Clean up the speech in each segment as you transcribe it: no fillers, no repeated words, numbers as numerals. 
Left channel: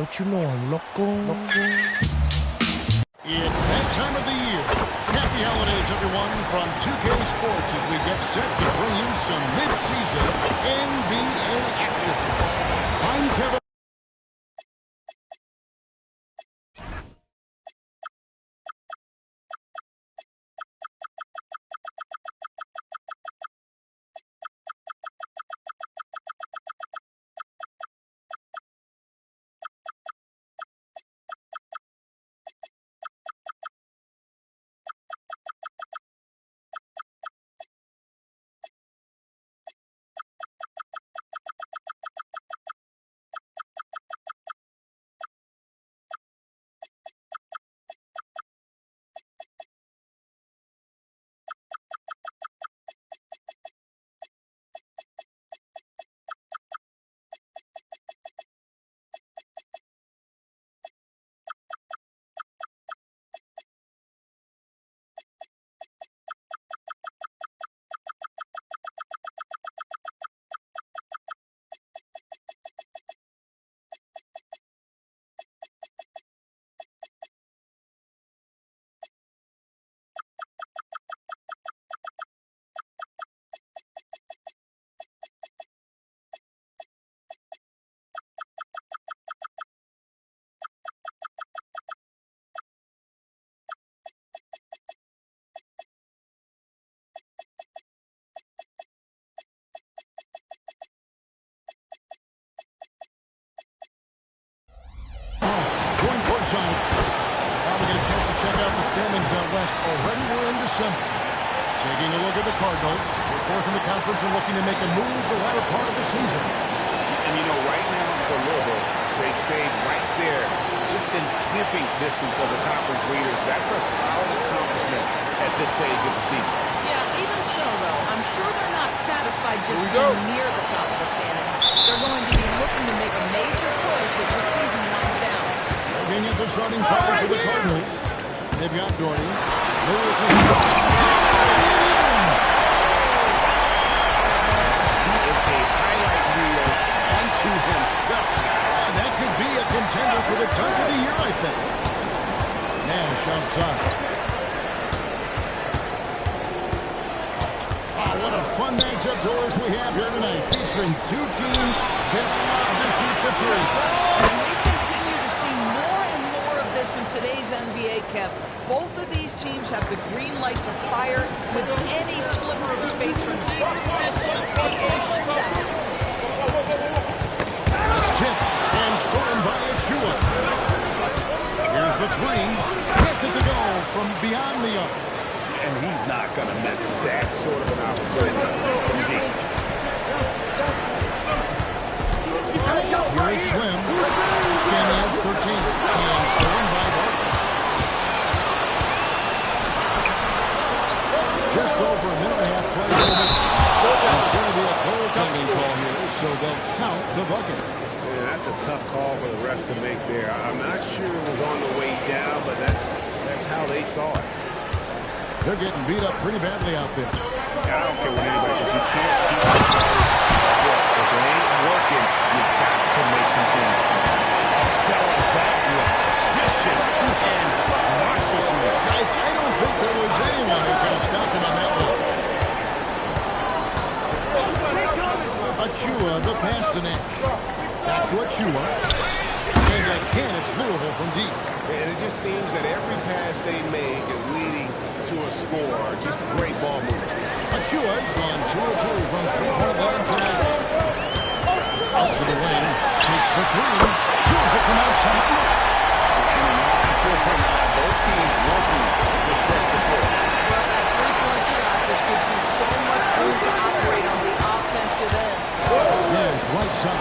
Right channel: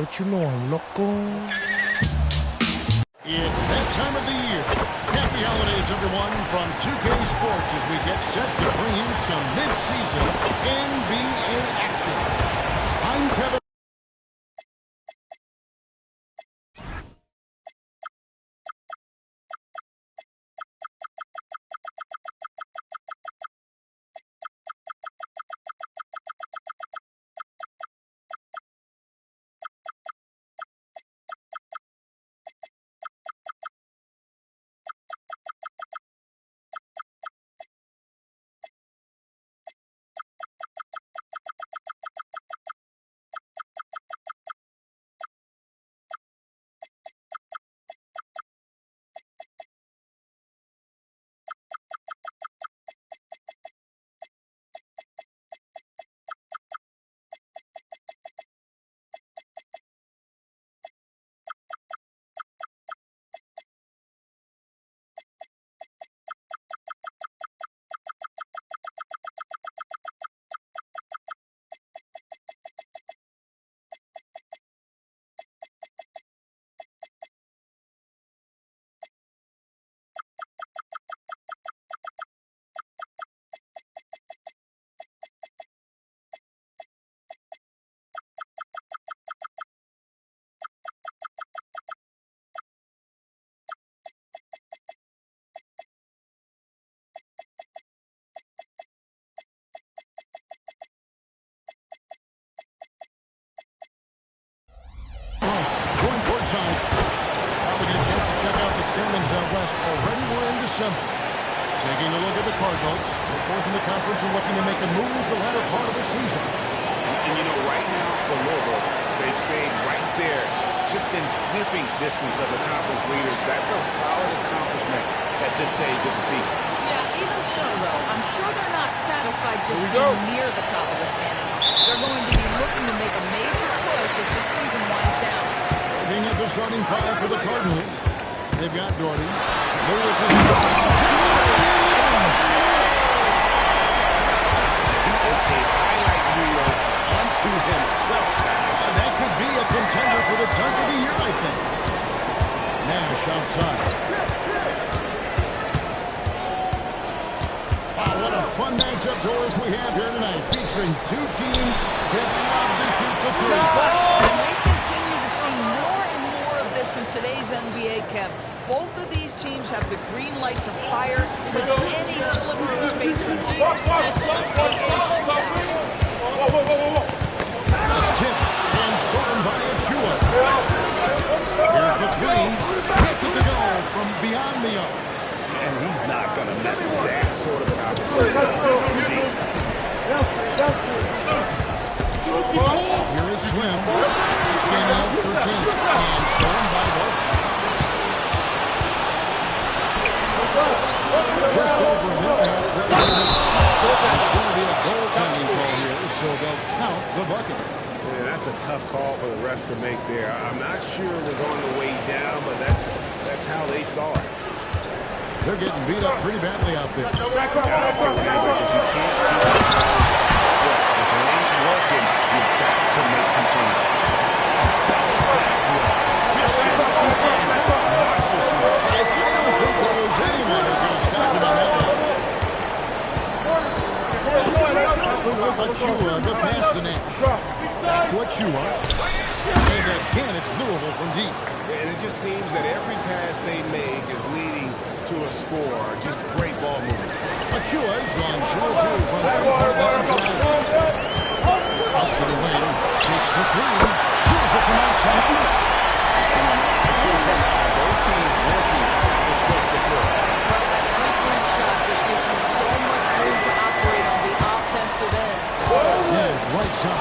Don't you know I'm loco? It's that time of the year. Happy holidays, everyone, from 2K Sports as we get set to bring you some mid-season NBA action. I'm Kevin. Going courtside. Now we get a chance to check out the standings out west. Already we're in December. Taking a look at the Cardinals. They're fourth in the conference and looking to make a move the latter part of the season. And you know, right now for Louisville, they've stayed right there, just in sniffing distance of the conference leaders. That's a solid accomplishment at this stage of the season. Yeah, even so, though, I'm sure they're not satisfied just being near the top of the standings. They're going to be looking to make a major push as the season winds down. Looking at the starting five for the Cardinals. They've got Doherty. Lewis is... He is a highlight reel unto himself, guys. That could be a contender for the dunk of the year, I think. Nash outside. Wow, what a fun matchup doors we have here tonight, featuring two teams that love to shoot the three. And we continue to see more and more of this in today's NBA, Kev. Both of these teams have the green light to fire with any sliver of space from deep. This should be a shootout. It's tipped and stolen by Achua. Here's the three. Gets it to go from beyond the arc. And he's not going to miss that sort of an opportunity. Indeed. Here is Slim. Standing at 13. And stolen by Barton. Just over a minute and a half play in this. It's going to be a goaltending call here, so they'll count the bucket. Man, that's a tough call for the refs to make there. I'm not sure it was on the way down, but that's how they saw it. They're getting beat up pretty badly out there. I don't care what anybody says. You can't keep the guys work. If it ain't working, you've got to make some changes. Oh, fellas, that was vicious two-hand monstersman. Guys, I don't think there was anyone who could have stopped him on that one. Achua, the pass to Nash. Back to Achua. And again, it's Louisville from deep. And it just seems that every pass they make is leading to a score. Just great ball movement. Achua's gone 2 of 2 from three-point line tonight. Out to the wing. Takes the three. Drills it from outside. And both teams working to stretch the floor. Well, that three-point shot just gives you so much room to operate on the offensive end. There's right side.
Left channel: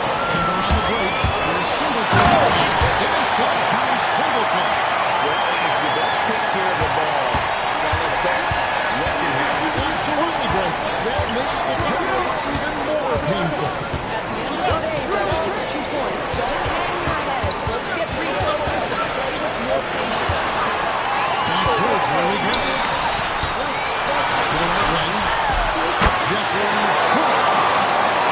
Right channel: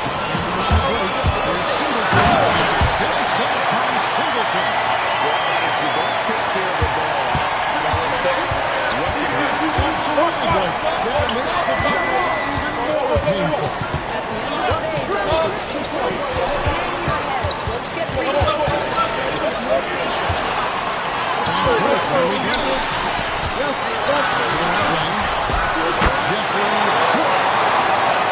And around the break, there's Singleton. It's finished off by Singleton. Well, if you don't take care of the ball, fellas, that's what can happen. Absolutely, Blake. That makes the turnover even more painful. At the end of the day, though, it's 2 points. Don't hang your heads. Let's get refocused and play with more patience. Fast break. Here we go. Out to the right wing. Jeffries. Good.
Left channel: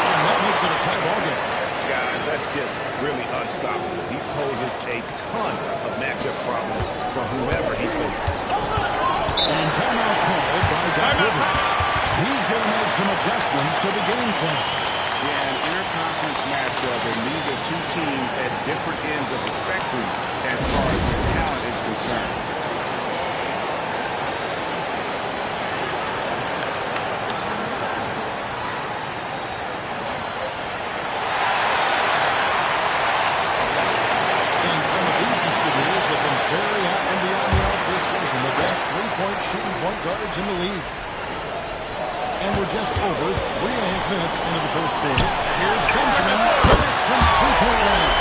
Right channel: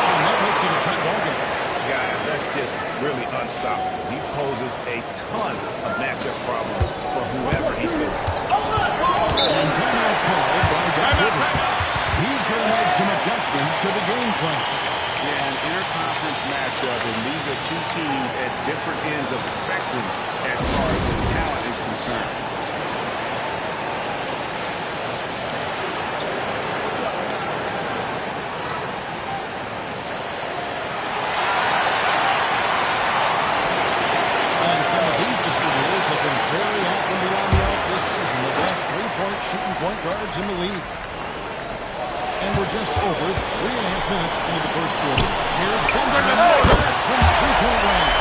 And that makes it a tie ball game. You Guys, that's just really unstoppable. He poses a ton of matchup problems for whoever he's facing. And timeout called by Doc Rivers. He's going to make some adjustments to the game plan. Yeah, an interconference matchup, and these are two teams at different ends of the spectrum as far as the talent is concerned. And some of these distributors have been very active beyond the arc this season. The best three-point shooting point guards in the league. And we're just over 3.5 minutes into the first quarter. Here's Benjamin. Connects from three-point range.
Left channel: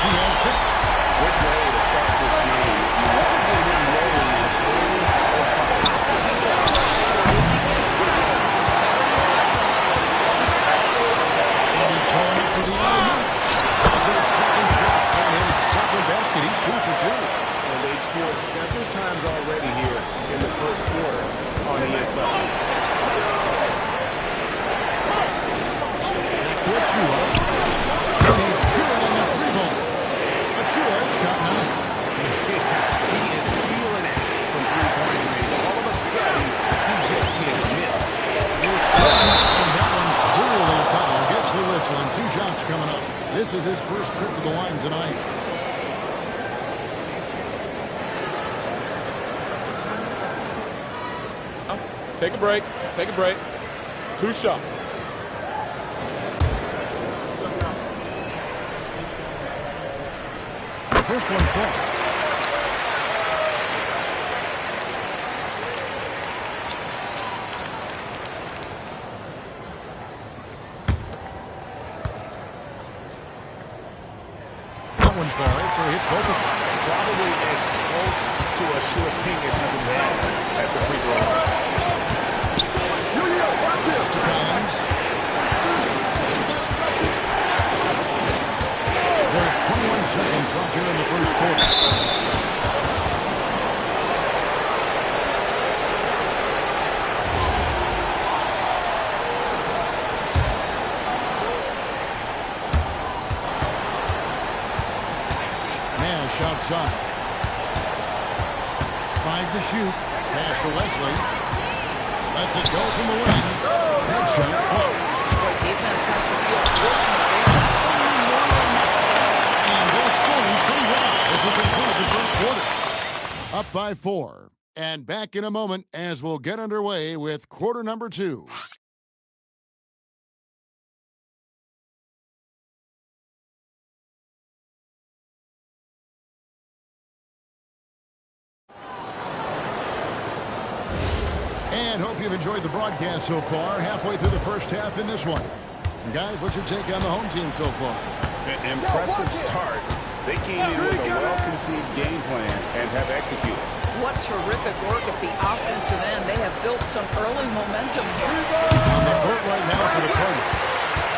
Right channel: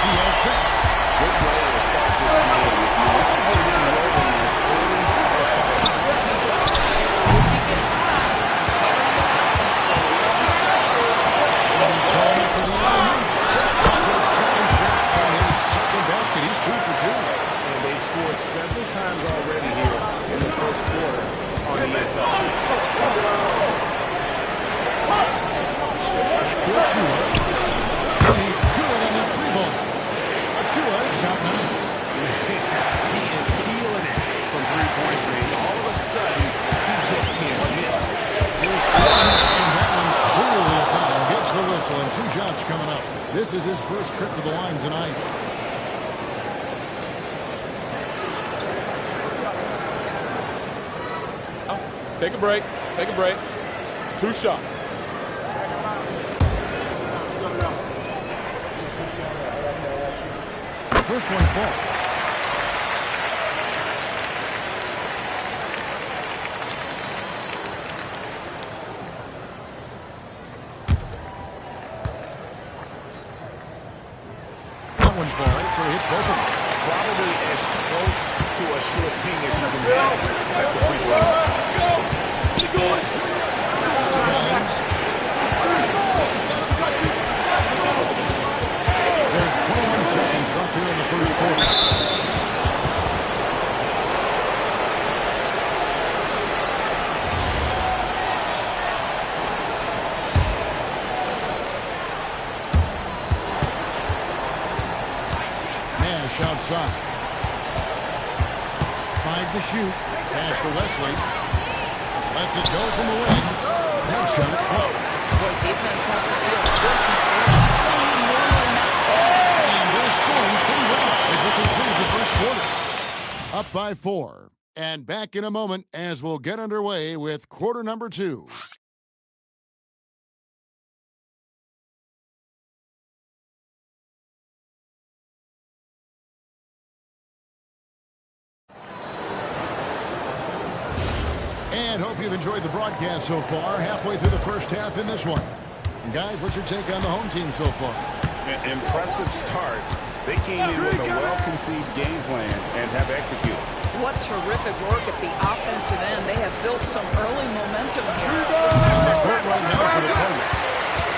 He has 6. Good way to start this game. You want to get him rolling as early as possible. If he gets hot, And he's going up for the alley-oop. That's his second shot and his second basket. He's 2 for 2. And they've scored several times already here in the first quarter on the inside. Back to Achua. And he's good on the 3-ball. Achua's got 9. He is feeling it from three-point range. All of a sudden, he just can't miss. Here's Jordan, and that one clearly a foul. Gets the whistle, and 2 shots coming up. This is his first trip to the line tonight. Take a break. Take a break. 2 shots. The first one falls. That one falls, so he hits both of them. Probably as close to a sure thing as you can have at the free throw line. To Collins. There's 21 seconds left here in the first quarter. Nash outside. 5 to shoot. Pass to Wesley. Lets it go from the wing. That shot off. boy, defense has to feel fortunate there. That's when you normally max out. And they're scoring pretty well as we conclude the first quarter. Up by 4. And back in a moment as we'll get underway with quarter number 2. And hope you've enjoyed the broadcast so far. Halfway through the first half in this one. And guys, what's your take on the home team so far? An impressive start. They came in with a well-conceived game plan and have executed. What terrific work at the offensive end. They have built some early momentum here. On the court right now for the Cardinals.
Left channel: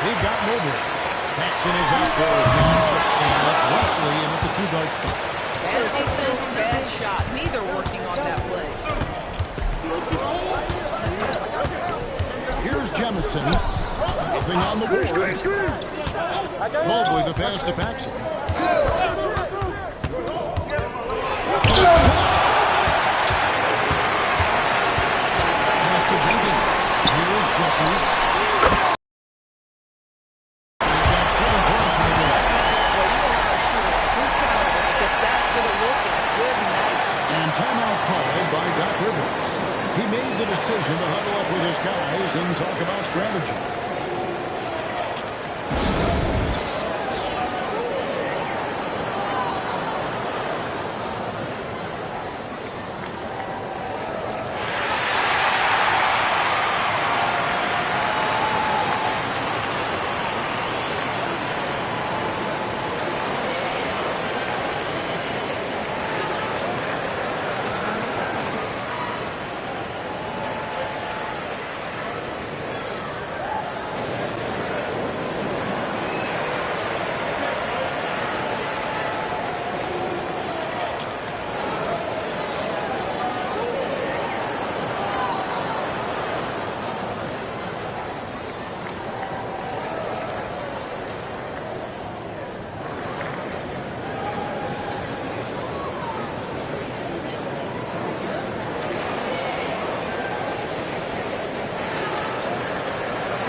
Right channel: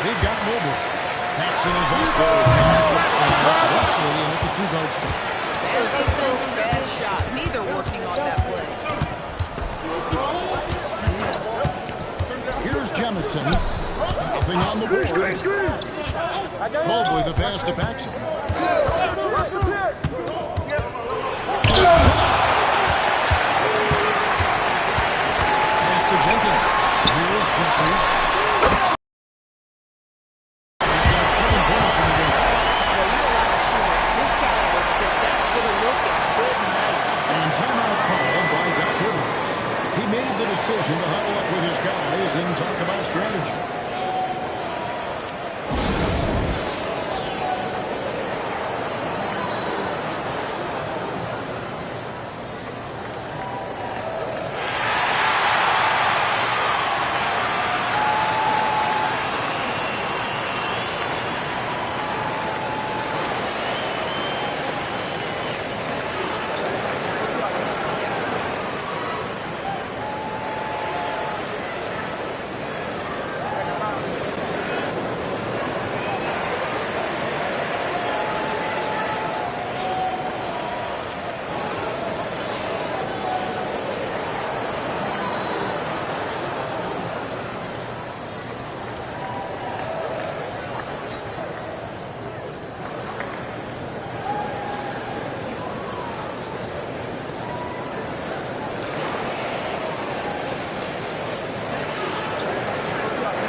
They've got Mobley. Paxson is out there with Nash, and it's Wesley in at the 2-guard spot. Bad defense, bad shot. Neither working on that play. Here's Jemison. Nothing on the board. Mobley the pass to Paxson. Pass to Jenkins. Here's Jeffries. He's got 7 points in the game. Well, you allow a shooter of his caliber to get that good a look and good night. And timeout called by Doc Rivers. He made the decision to huddle up with his guys and talk about strategy.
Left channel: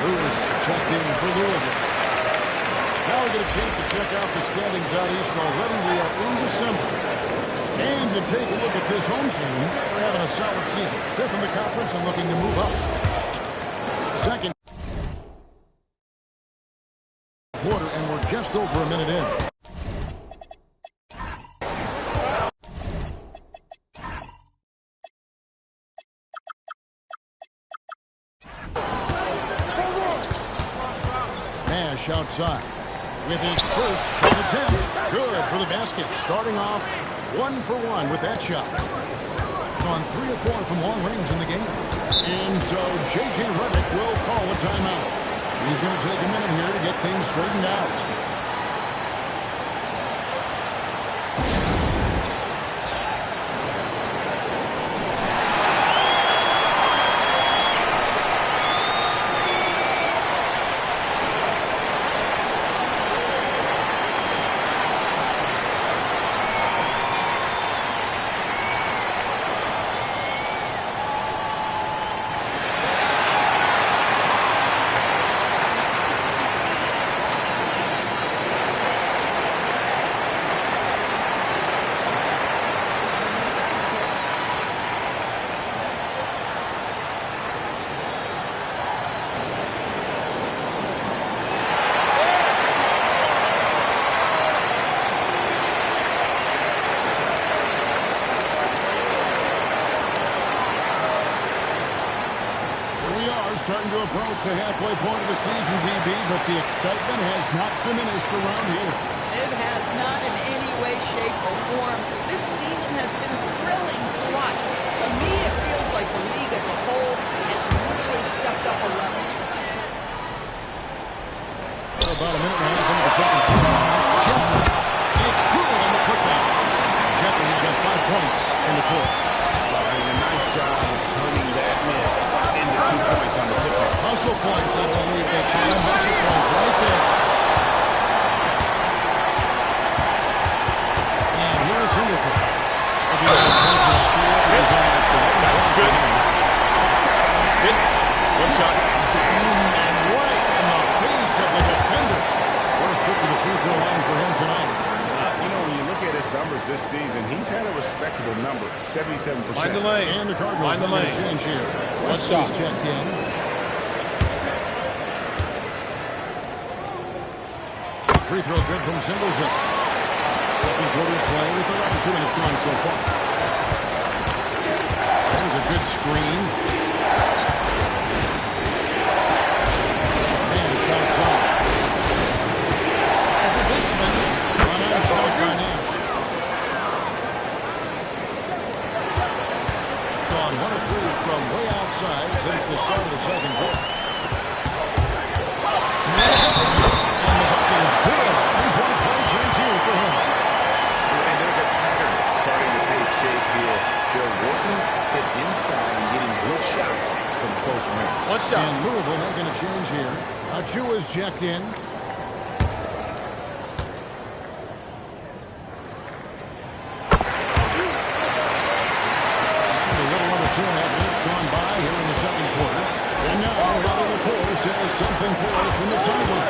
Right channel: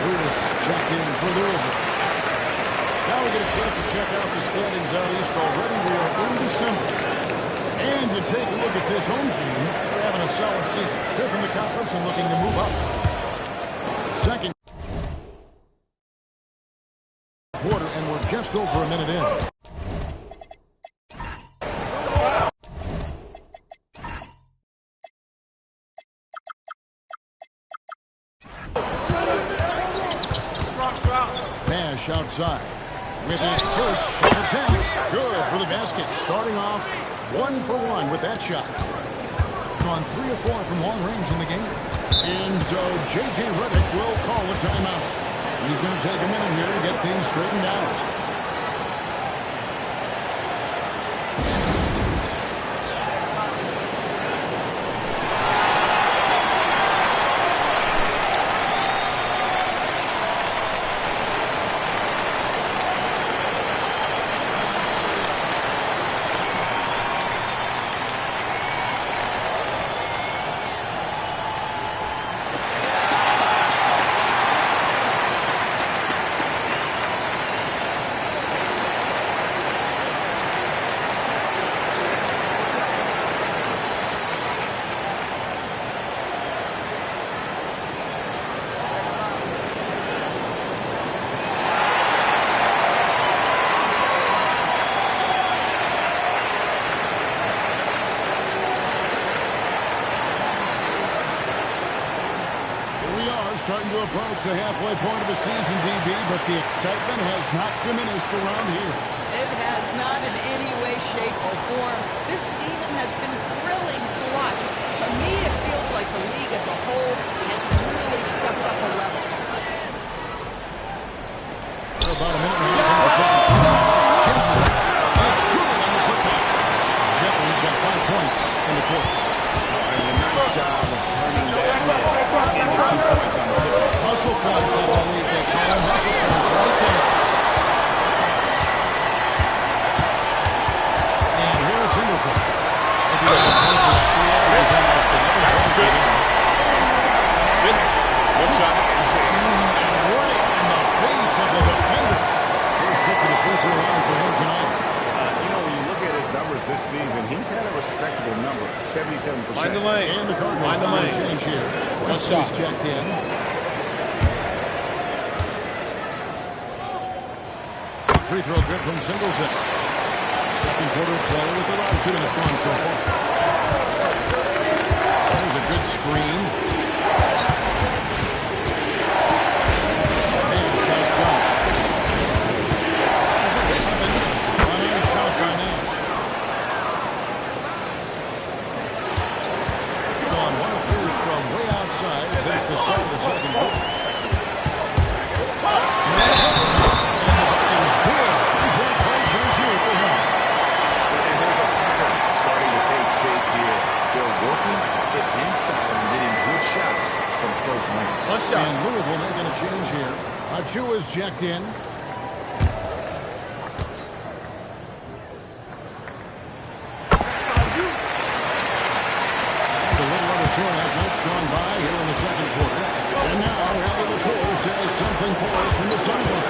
Lewis checked in for Louisville. Now we get a chance to check out the standings out east already. We are in December. And you take a look at this home team. They're having a solid season. 5th in the conference and looking to move up. Second quarter, and we're just over a minute in. Nash outside with his first shot attempt. Good for the basket. Starting off 1 for 1 with that shot. On 3 of 4 from long range in the game. And so J.J. Redick will call a timeout. He's going to take a minute here to get things straightened out. Starting to approach the halfway point of the season, DB, but the excitement has not diminished around here. It has not in any way, shape, or form. This season has been thrilling to watch. To me, it feels like the league as a whole has really stepped up a level. We're about a minute and a half into the second quarter now. Jeffries, it's good on the putback. Jeffries got 5 points in the quarter. And a nice job of turning that miss into 2 points on the tip-off. Hustle points, I believe they call them. Hustle points right there. And here is Singleton. If he gets one for the field, he's almost 11 That's points good. again. Hit. One shot. And right in the face of the defender. First trip to the free throw line for him tonight. You know, when you look at his numbers this season, he's had a respectable number, 77%. Mind the lane. And the Cardinals Mind the want lane. to change here. One Wesley's shot. checked in. Free throw good from Singleton. Second quarter play with the round 2, and it's gone so far. There's a good screen. Nash outside. A nice shot by Nash. Gone 1 of 3 from way outside since the start of the second quarter. And the bucket is good. 3-point play chance here for him. And there's a pattern starting to take shape here. They're working it inside and getting good shots from close range. One shot. And Louisville making a change here. Achua is checked in. And a little under 2.5 minutes gone by here in the second quarter. And now Ellie LaCourse has something for us from the sideline.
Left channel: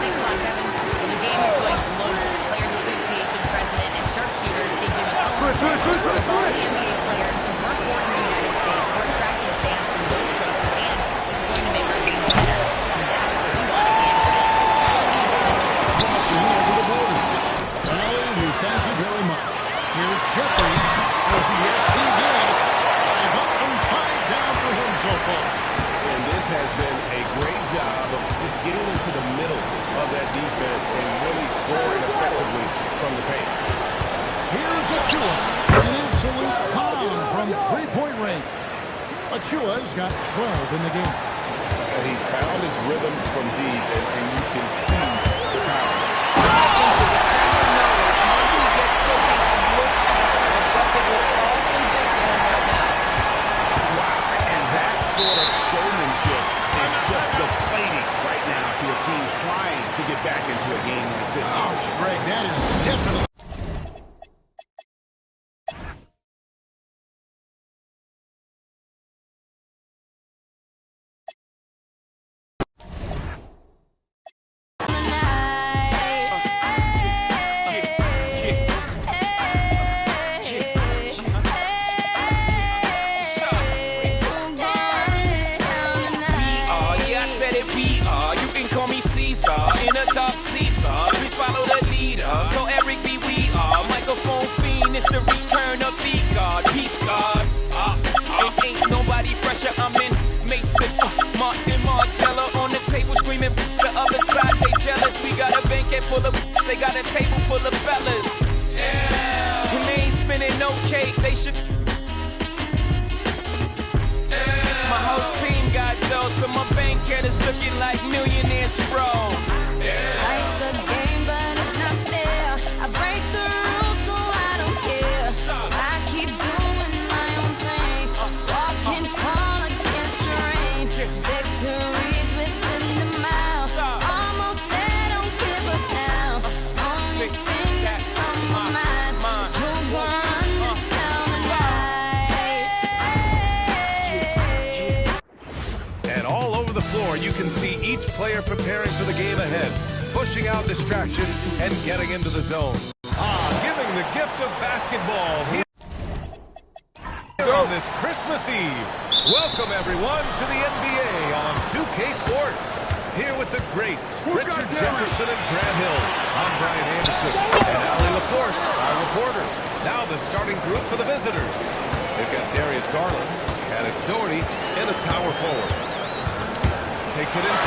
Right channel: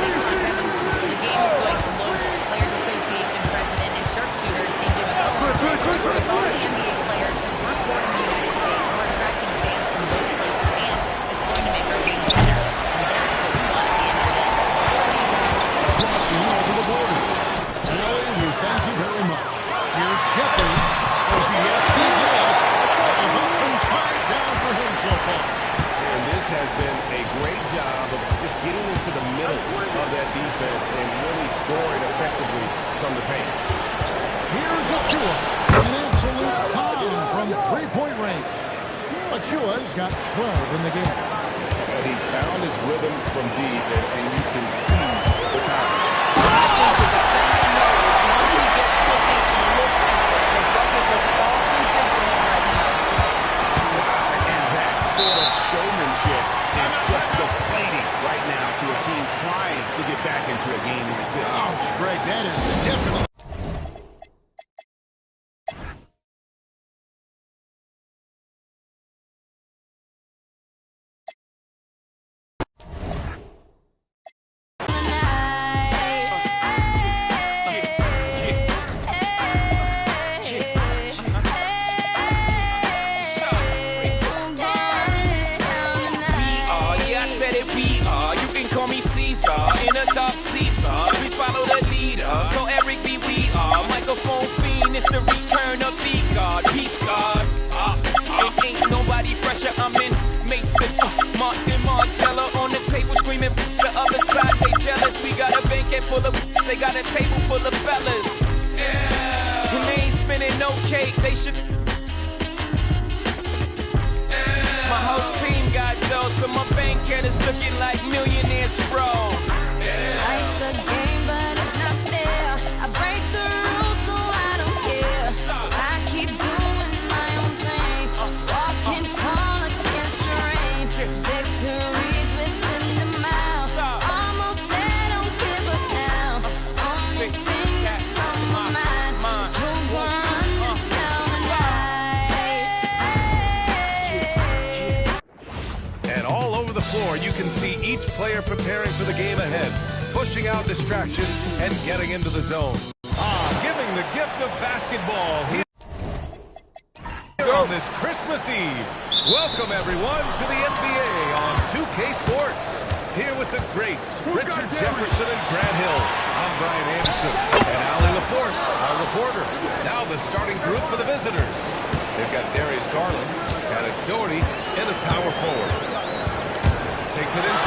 Thanks a lot, Kevin. Well, the game is going to load. Players Association President and sharpshooter C.J. McCollum says with all the NBA players who weren't born in the United States, we're attracting fans from those places, and it's going to make our game better. And that's what we want at the end of the day. Crossing over the border. Ellie, we thank you very much. Here's Jeffries. Oh, yes, he did. 5 up and 5 down for him so far. And this has been a great job of just getting into the middle of that defense and really scoring effectively from the paint. Here's Achua. An absolute pound from 3-point range. Achua's got 12 in the game. He's found his rhythm from deep, and you can see the confidence. I think the defender knows once he gets cooking, look out. The bucket looks awfully big to him right now. Wow, and that sort of showmanship is just deflating right now to a team trying to get back into a game like this. Ouch, Greg, that is definitely... Caesar, in a dark Caesar. Please follow the leader. So Eric B, we are microphone fiend. It's the return of the God, peace God. Ain't nobody fresher. I'm in Mason, Martin Margiela on the table screaming. The other side they jealous. We got a banquet full of. They got a table full of fellas. Yeah. And they ain't spinning no cake. They should. My whole team got dough, so my bank account is looking like millionaires, bro. Life's a game, but it's not fair. I break the rules, so I don't care. So I keep doing my own thing, walking tall against the rain. Victories within the mile, almost there, don't give up now. Only thing that's on my mind is who gon' run this town tonight. And all over the floor, you can see each player preparing for the game ahead, pushing out distractions and getting into the zone. Giving the gift of basketball here on this Christmas Eve. Welcome, everyone, to the NBA on 2K Sports. Here with the greats, Richard Jefferson and Grant Hill. I'm Brian Anderson and Ali LaForce, our reporter. Now the starting group for the visitors. They've got Darius Garland, and it's Doherty in at power forward. Takes it inside.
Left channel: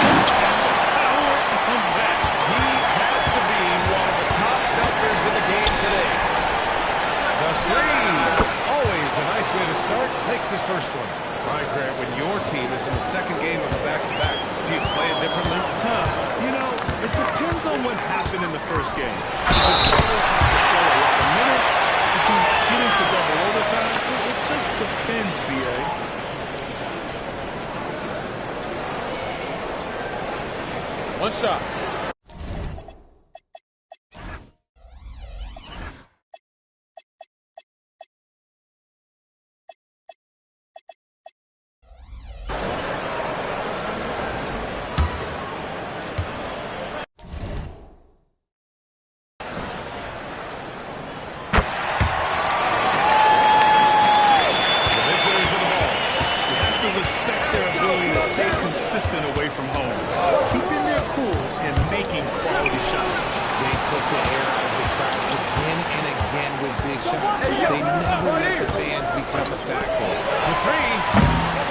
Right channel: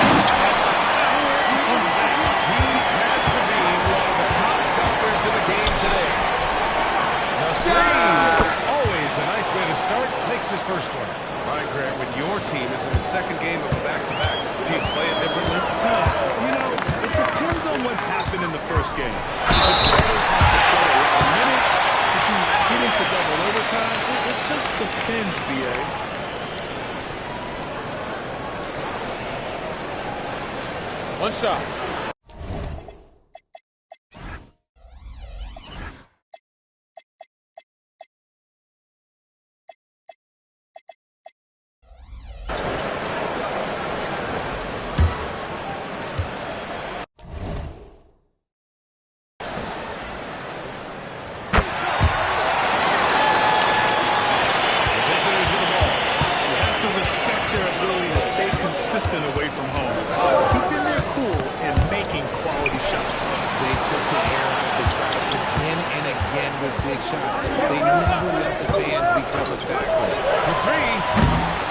Look at the power of that. He has to be one of the top dunkers in the game today. The three. Always a nice way to start. Makes his first one. All right, Grant, when your team is in the second game of a back-to-back, do you play it differently? You know, it depends on what happened in the first game. The starters have to play a lot of minutes. If you get into double overtime, it just depends, BA. One shot. Respect their ability to stay consistent away from home, keeping their cool and making quality shots. They took the air out of the crowd again and again with big shots. They never let the fans become a factor. For three,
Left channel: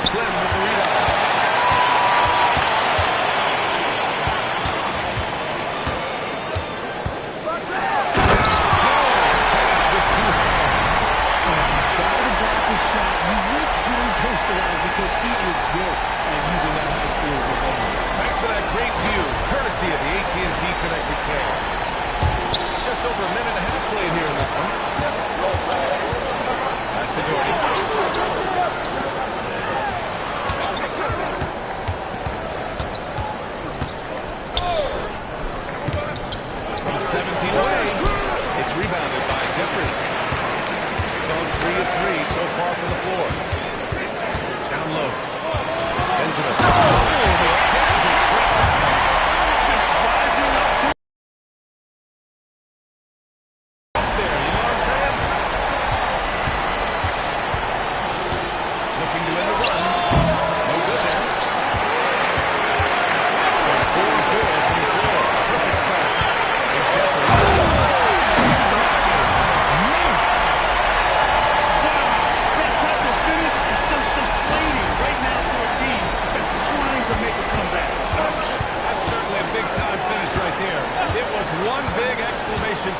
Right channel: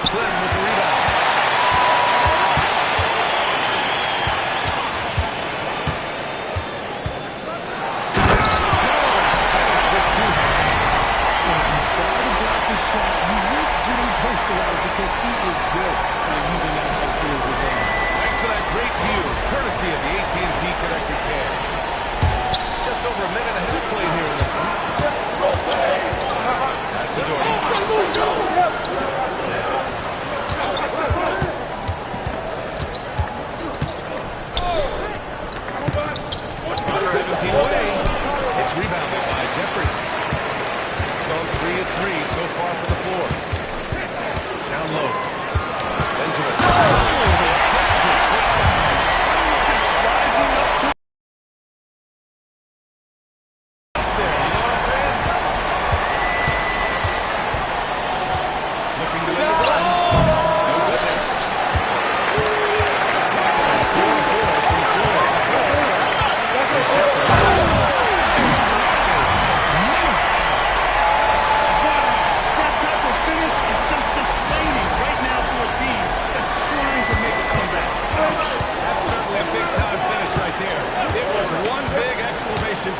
Slim with the rebound. Finish with two hands. When you try to block the shot, you risk getting posterized because he is good at using that height to his advantage. Thanks for that great view, courtesy of the AT&T Connected Care. Just over a minute ahead of play here in this one. Pass to Doherty. 17 away. It's rebounded by Jeffries. Gone 3 of 3 so far from the floor. Down low. Benjamin. Just rising up to There, you know what I'm saying? Looking to end the run. No good there. 4-4 from the floor. Perfect start. Here's Jeffries. that type of finish is just deflating right now for a team that's trying to make a comeback. Ouch. That's certainly a big-time finish right there. It was one big exclamation.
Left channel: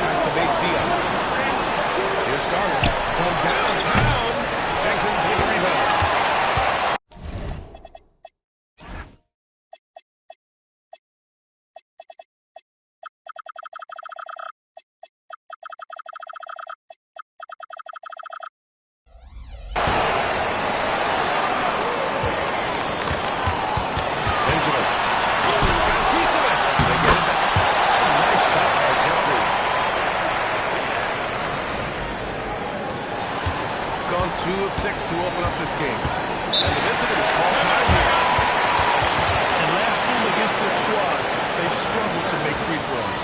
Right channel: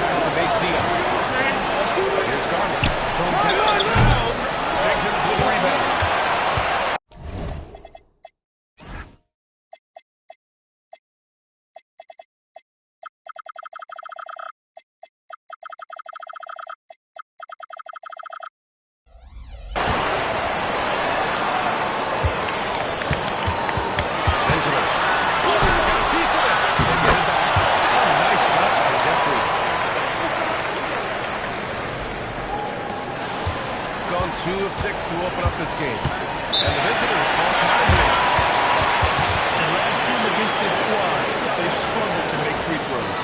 Pass to Bates Diop. Here's Garland from downtown. Jenkins with a rebound. Benjamin. Got a piece of it. They get it back. A nice shot by Jeffries. Gone 2 of 6 to open up this game. And the visitors call time here. And last time against this squad, they struggled to make free throws.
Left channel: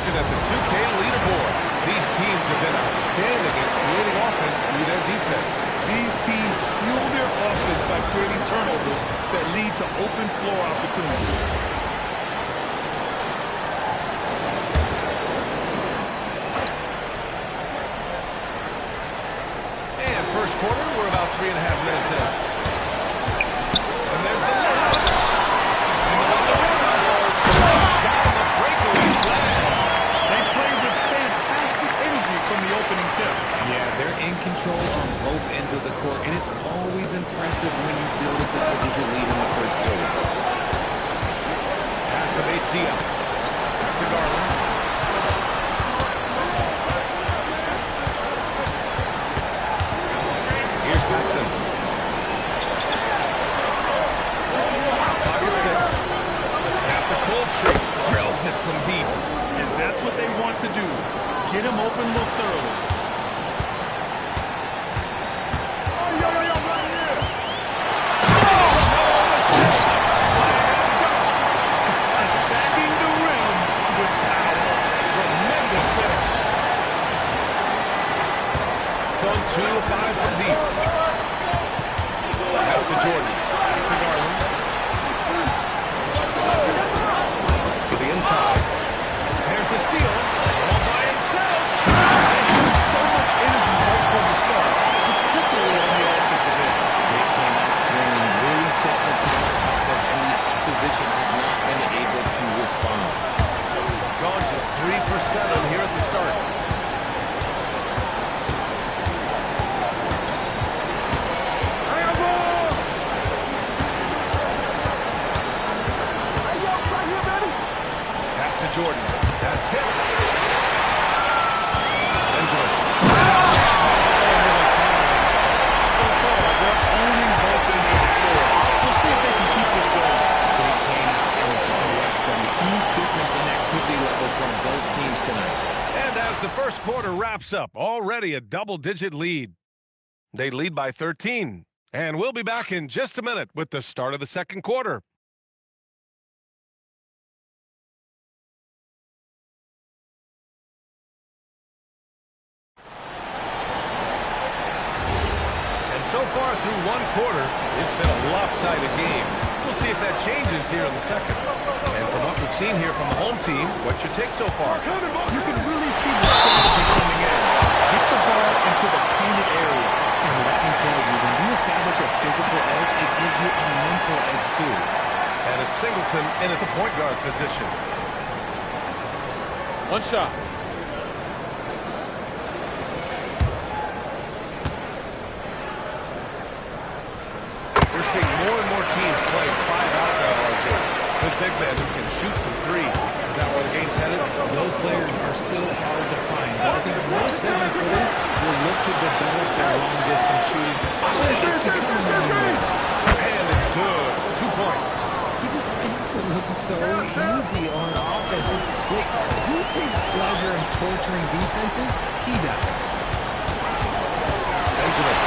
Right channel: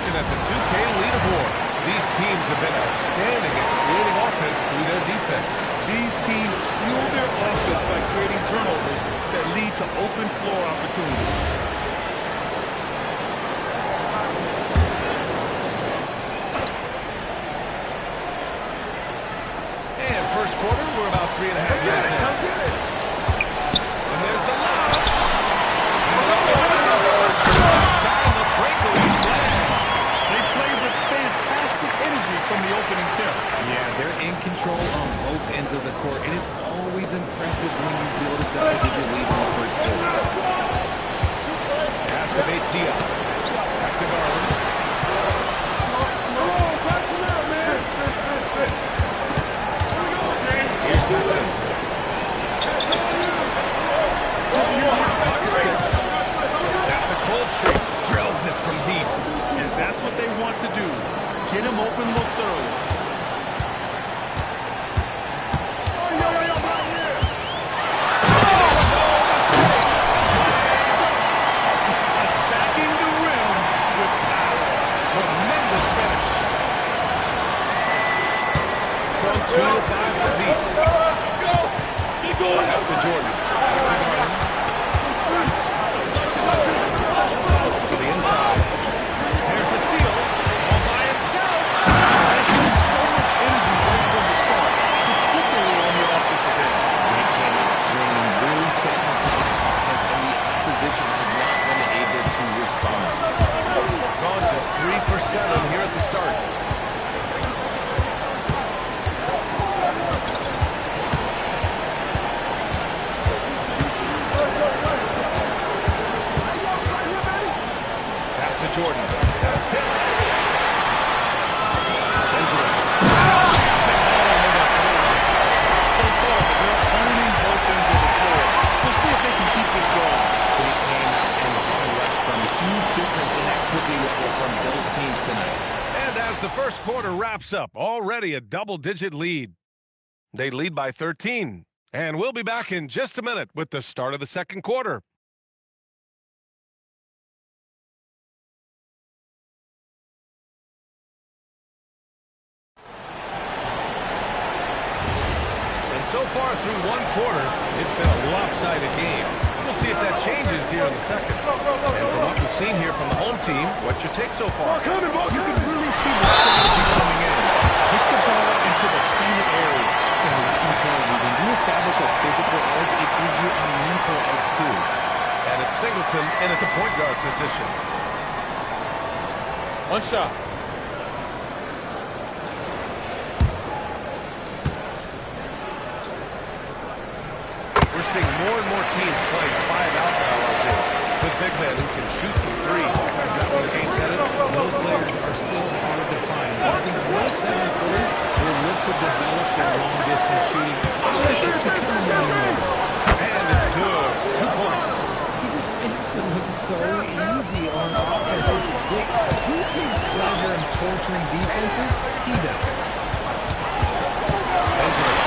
looking at the 2K leaderboard. These teams have been outstanding at creating offense through their defense. These teams fuel their offense by creating turnovers that lead to open floor opportunities. And first quarter, we're about 3.5 minutes in. And there's the lob. Down the breakaway slam. They play with fantastic energy from the opening tip. Yeah, they're in control on both ends of the court, and it's always impressive when you build a double-digit lead in the first quarter. Pass to Bates Diop. Back to Garland. Here's Paxson. Pocket six. Snap the cold streak. Drills it from deep. And that's what they want to do. Get him open looks early. No mistake. Slam dunk. Attacking the rim with power. Tremendous finish. From 2 to 5 from deep. Pass to Jordan. Back to Garland. To the inside. There's the steal. All by himself. They showed so much energy right from the start, particularly on the offensive end. They came out swinging, really setting the tone on offense, and the opposition has not been able to respond. Gone just 3 for 7 here at the start. Pass to Jordan. That's tipped. Benjamin. So far, they're owning both ends of the floor. We'll see if they can keep this going. They came out and rushed them. Huge difference in activity level from both teams tonight. And as the first quarter wraps up, already a double-digit lead. They lead by 13. And we'll be back in just a minute with the start of the second quarter. And so far through one quarter, it's been a lopsided game. We'll see if that changes here in the second. And from what we've seen here from the home team, what's your take so far? You can really see the strategy coming in. Get the ball into the painted area. And let me tell you, when you establish a physical edge, it gives you a mental edge too. And it's Singleton in at the point guard position. One shot. We're seeing more and more teams playing 5 out now, RJ, with big men who can shoot from 3. Is that where the game's headed? Those players are still hard to find, but I think most 7-footers will look to develop their long-distance shooting. It's becoming the new norm. And it's good. 2 points. He just makes it look so easy on offense. Like, who takes pleasure in torturing defenses? He does. Benjamin.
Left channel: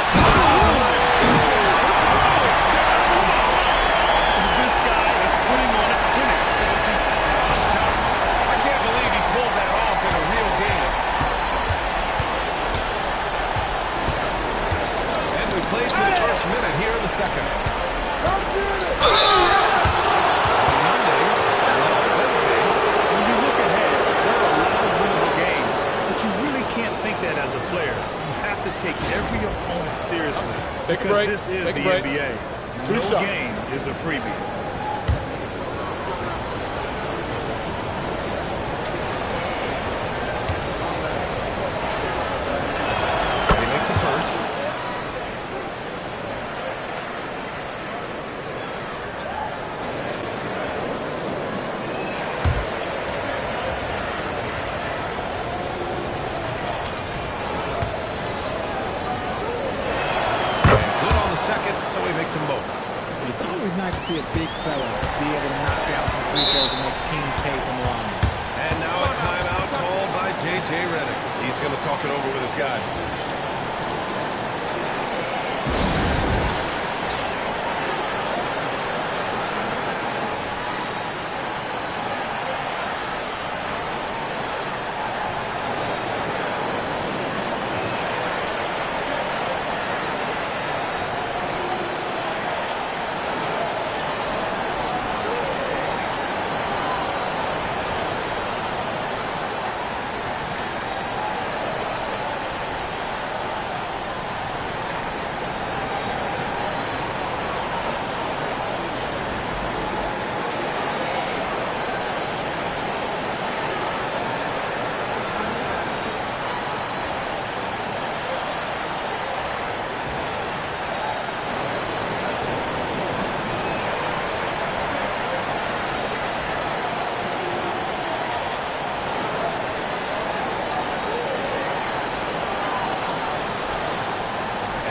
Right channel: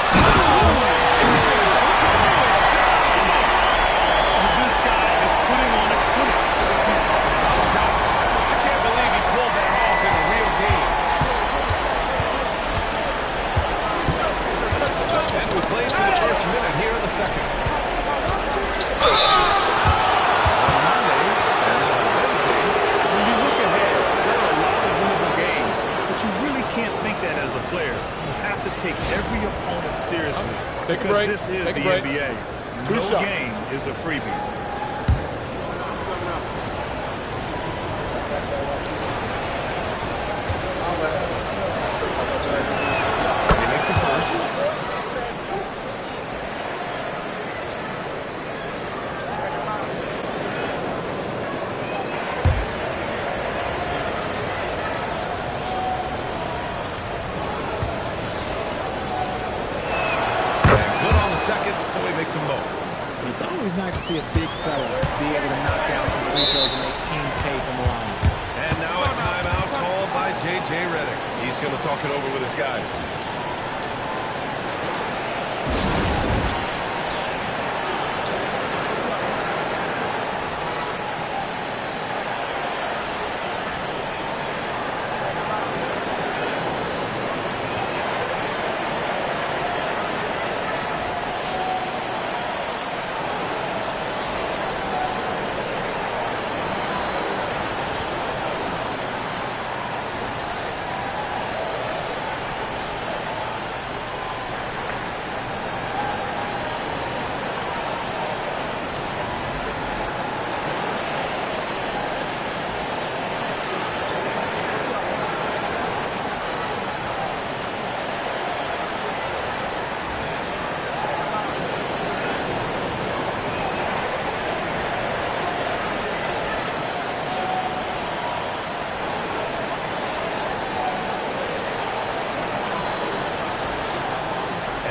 This guy is putting on a clinic for the people. I'm shocked. I can't believe he pulled that off in a real game. And we played to the first minute here in the second. On Monday, and then on Wednesday. When you look ahead, there are a lot of winnable games, but you really can't think that as a player. You have to take every opponent seriously. Take a because break. this is Take a the break. NBA. Two No shots. game is a freebie. He makes a first. And good on the second, so he makes them both. It's always nice to see a big fella be able to knock down some free throws and make teams pay from the line. And now a timeout called by J.J. Redick. He's going to talk it over with his guys.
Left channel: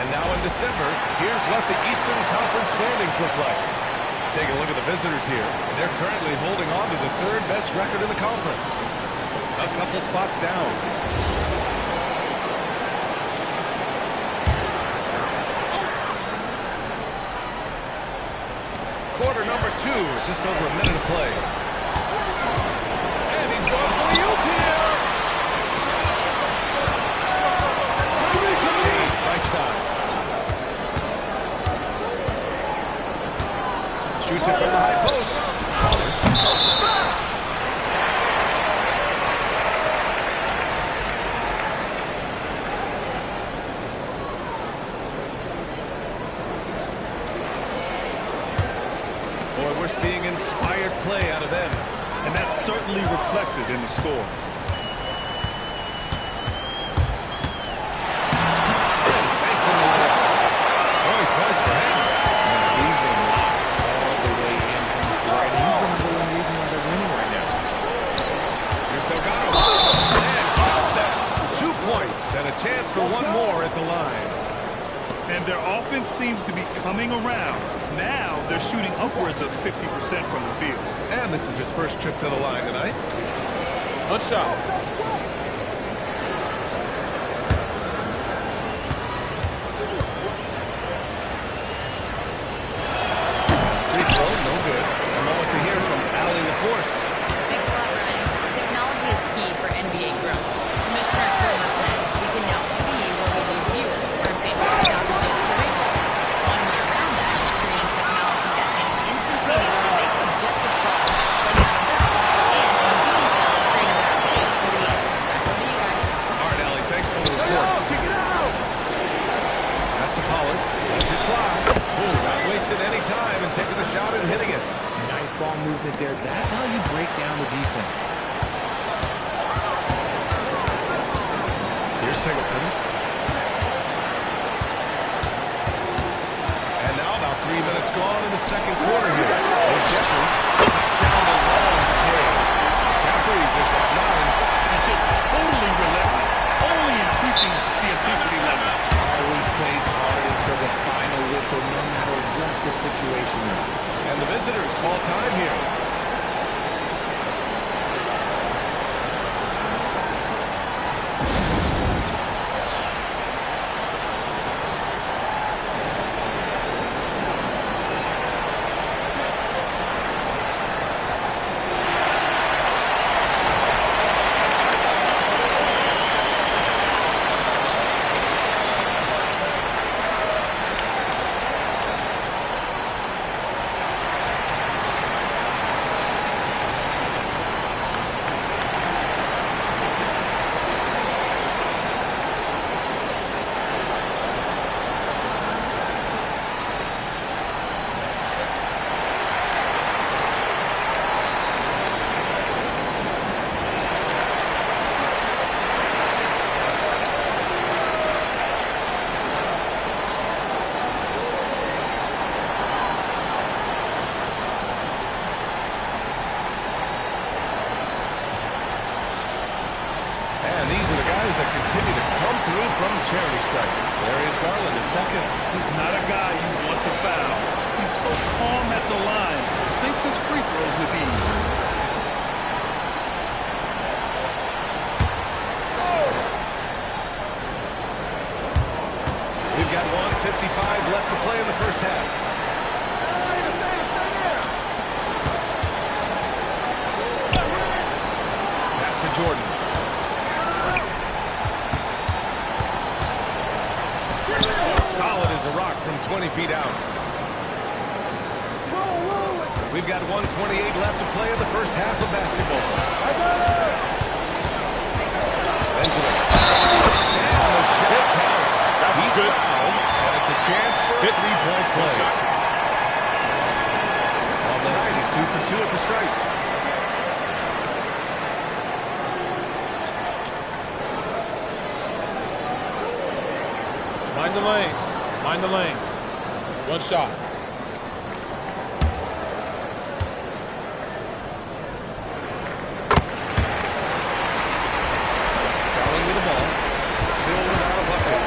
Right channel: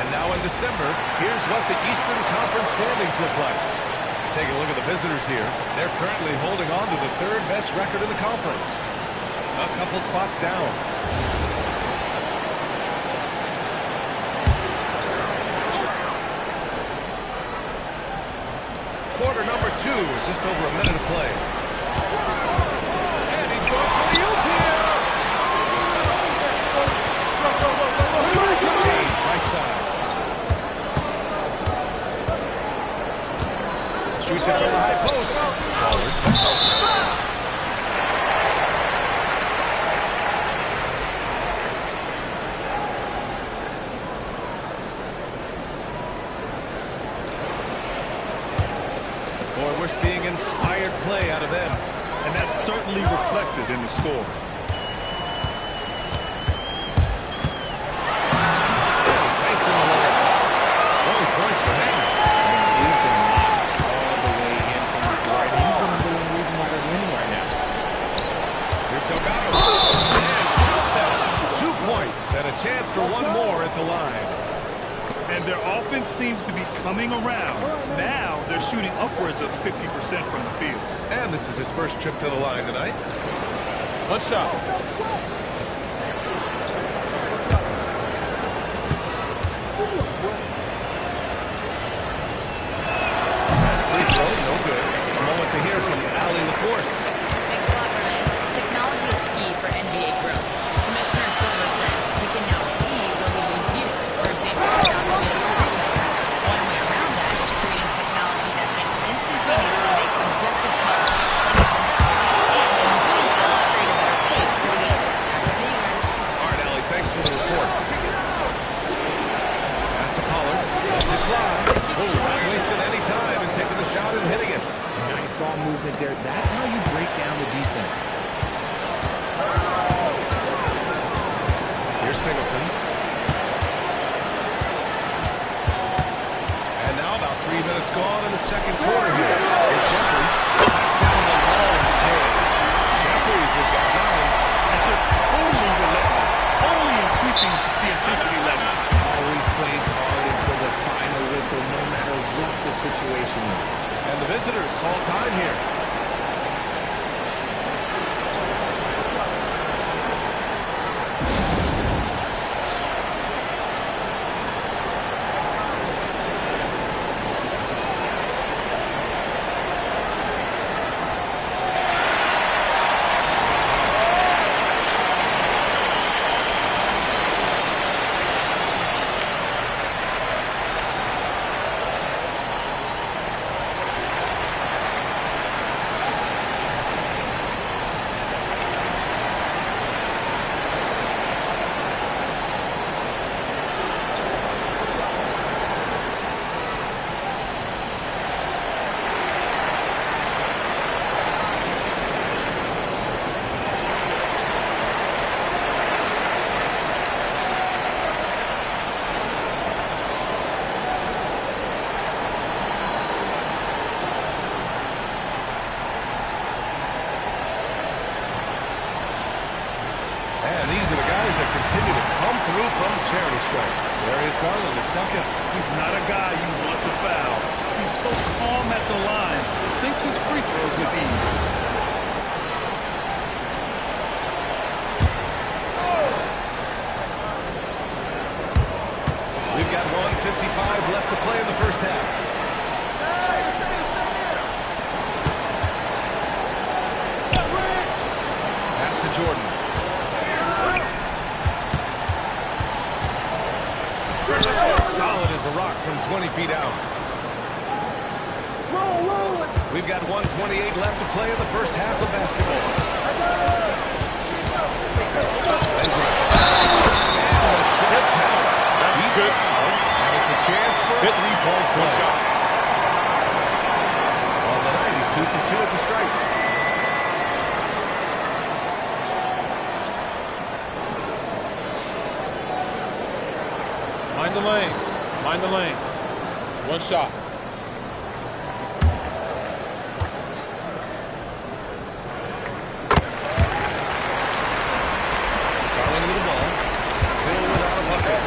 And now in December, here's what the Eastern Conference standings look like. Take a look at the visitors here. They're currently holding on to the third best record in the conference. A couple spots down. Quarter number 2, just over a minute of play. And he's going for the oop here. Right side. Shoots it from the high post. Pollard. Boy, we're seeing inspired play out of them. And that's certainly reflected in the score. And he banks in the layup. 20 points for him. He's been locked all the way in from the floor. And he's the #1 reason why they're winning right now. Here's Delgado. And count that. 2 points and a chance for one more at the line. And their offense seems to be coming around. Now they're shooting upwards of 50% from the field. And this is his first trip to the line tonight. One shot. Free throw, no good. A moment to hear from Allie LaForce. Thanks a lot, Brian. Technology is key for NBA growth. Commissioner Silver said we can now see where we lose viewers. For example, stoppages to replays. One way around that is creating technology that can instantaneously make objective calls like out of bounds, and in doing so, create a better pace to the game. Back over to you guys. All right, Allie, thanks for the report. Pass to Pollard. Lets it fly. Oh, not wasting any time and taking the shot and hitting it. Nice ball movement there. That's how you break down the defense. Here's Singleton. And now about 3 minutes gone in the second quarter here. Here's Jeffries. Backs down the long K. Jeffries has got 9. And just totally relentless. Only increasing the intensity level. Always plays hard until the final whistle, no matter what the situation is. And the visitors call time here. And these are the guys that continue to come through from charity stripe. Darius Garland is second. He's not a guy you want to foul. He's so calm at the line. Sinks his free throws with ease. We've got 1:55 left to play in the first half. Pass to Jordan. Solid as a rock from 20 feet out. We've got 1:28 left to play in the first half of basketball. Benjamin. And the shot counts. That's He's good. fouled, and it's a chance for a three-point play. Shot. On the night, he's 2 for 2 at the stripe. Mind the lanes. Mind the lanes. One shot. Garland with the ball. Still without a bucket.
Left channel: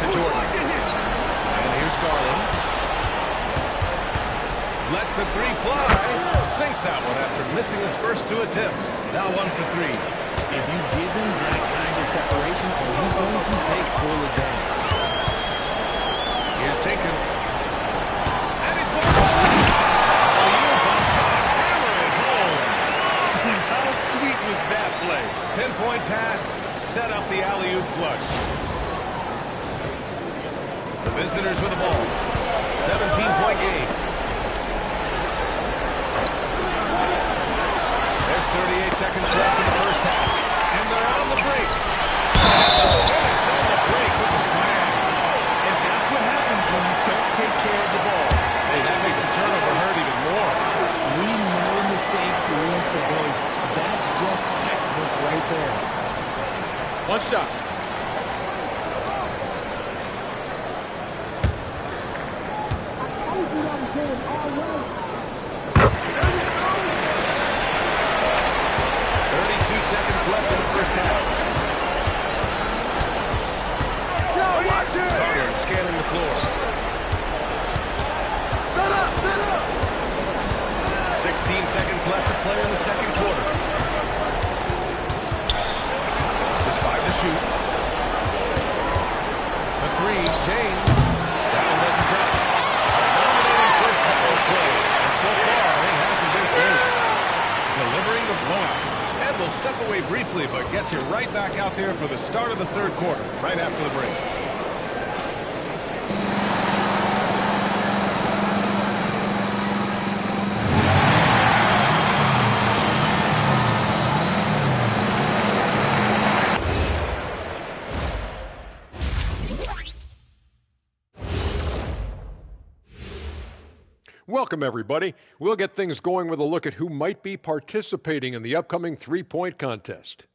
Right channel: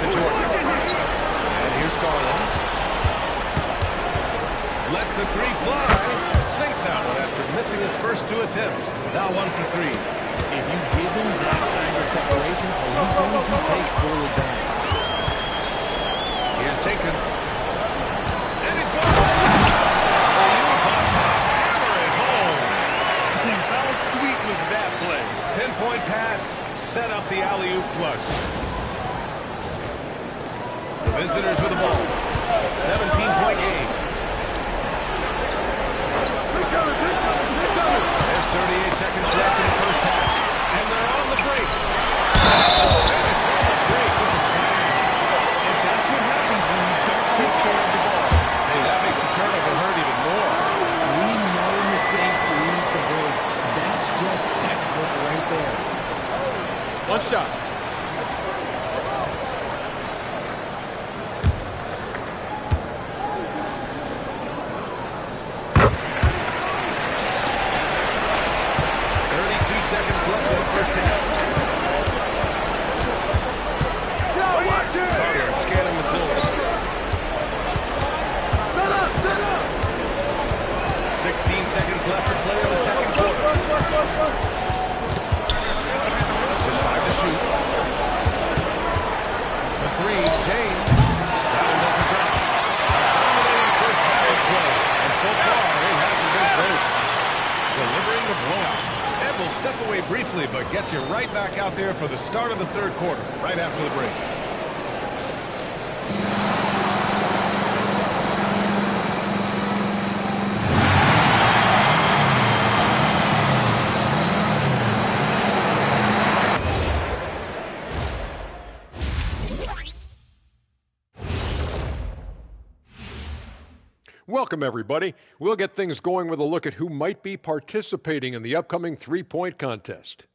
to Jordan. And here's Garland. Lets the three fly. Sinks that one after missing his first 2 attempts. Now 1 for 3. If you give him that kind of separation, he's going to take full advantage. Here's Jenkins. And he's going to alley-oop on top. Hammer it home. How sweet was that play? Pinpoint pass. Set up the alley-oop flush. The visitors with the ball. 17-point game. There's 38 seconds left in the first half. And they're on the break. Finish on the break with the slam. And that's what happens when you don't take care of the ball. Hey, that makes the turnover hurt even more. We know mistakes lead to breaks. That's just textbook right there. One shot. Seconds left in the first half. Garland scanning the floor. Set up! 16 seconds left to play in the second quarter. Just 5 to shoot. The 3, James. That one doesn't drop. A dominating first half of play. And so far, it hasn't been close. Delivering the blowout. Ed will step away briefly, but gets you right back out there for the start of the third quarter, right after the break. Welcome, everybody. We'll get things going with a look at who might be participating in the upcoming three-point contest.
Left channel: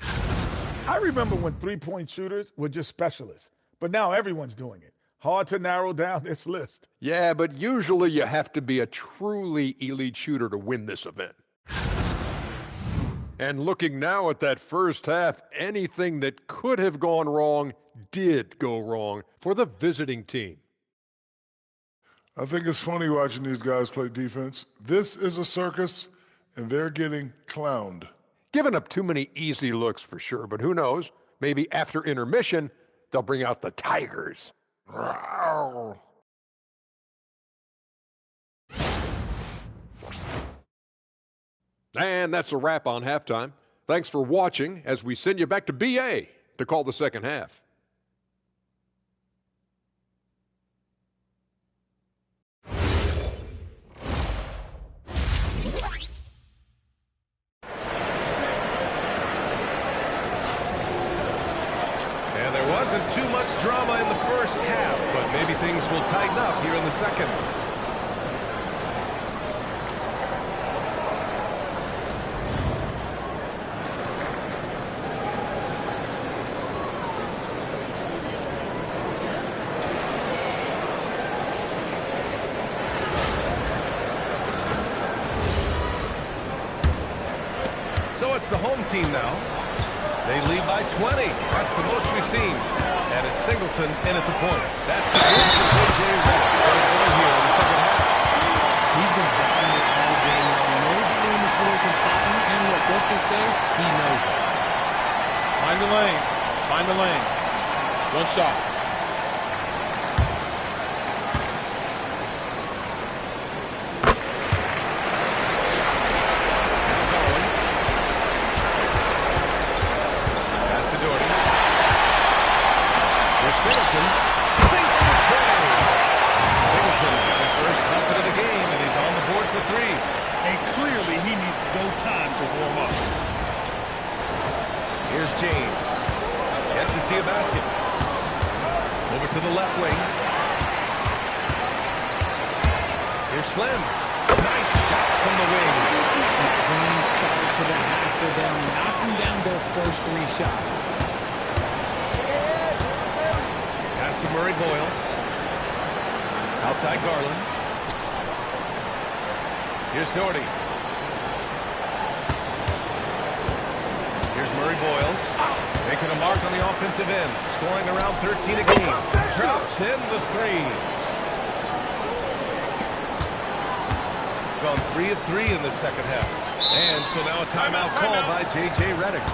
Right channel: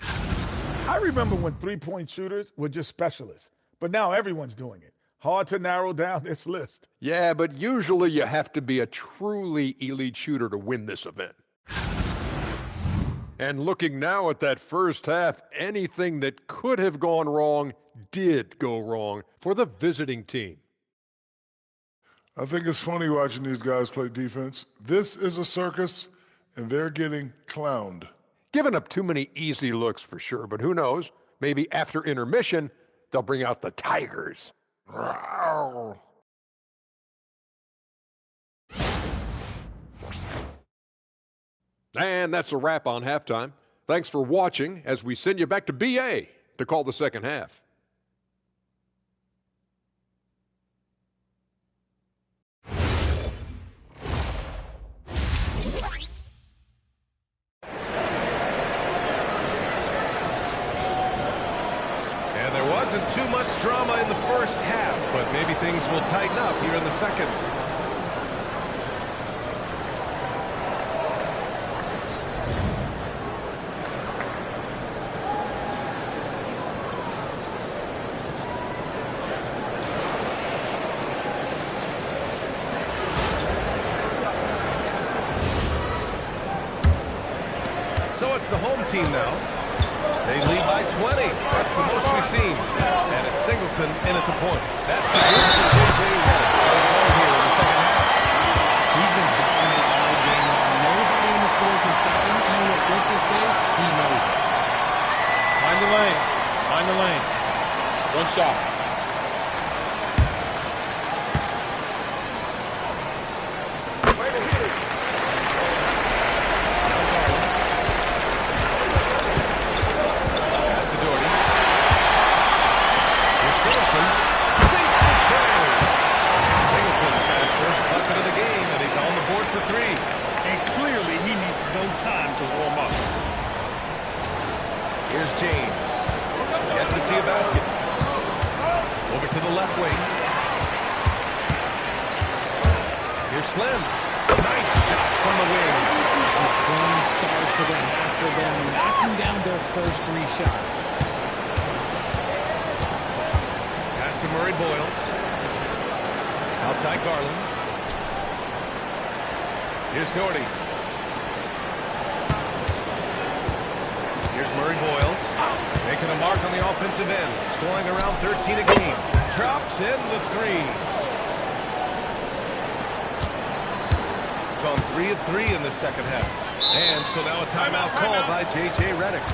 I remember when three-point shooters were just specialists, but now everyone's doing it. Hard to narrow down this list. Yeah, but usually you have to be a truly elite shooter to win this event. And looking now at that first half, anything that could have gone wrong did go wrong for the visiting team. I think it's funny watching these guys play defense. This is a circus, and they're getting clowned. Giving up too many easy looks for sure, but who knows? Maybe after intermission, they'll bring out the Tigers. Rawr. And that's a wrap on halftime. Thanks for watching as we send you back to BA to call the second half. And there wasn't too much drama in the first half, but maybe things will tighten up here in the second. So it's the home team now. They lead by 20. That's the most we've seen. And it's Singleton in at the point. That's the good for J.J. Redick going here in the second half. He's been dominant all game long. Nobody on the floor can stop him. And look, let's just say he knows it. Find the lanes. Find the lanes. One shot. Singleton sinks the tray. Singleton's got his first bucket of the game, and he's on the board for 3. And clearly he needs no time to warm up. Here's James. Yet to see a basket. Over to the left wing. Here's Slim. Nice shot from the wing. A clean start to the half for them, knocking down their first 3 shots. To Murray Boyles. Outside Garland. Here's Doherty. Here's Murray Boyles. Making a mark on the offensive end. Scoring around 13 a game. Drops in the three. Gone 3 of 3 in the second half. And so now a timeout called by J.J. Redick.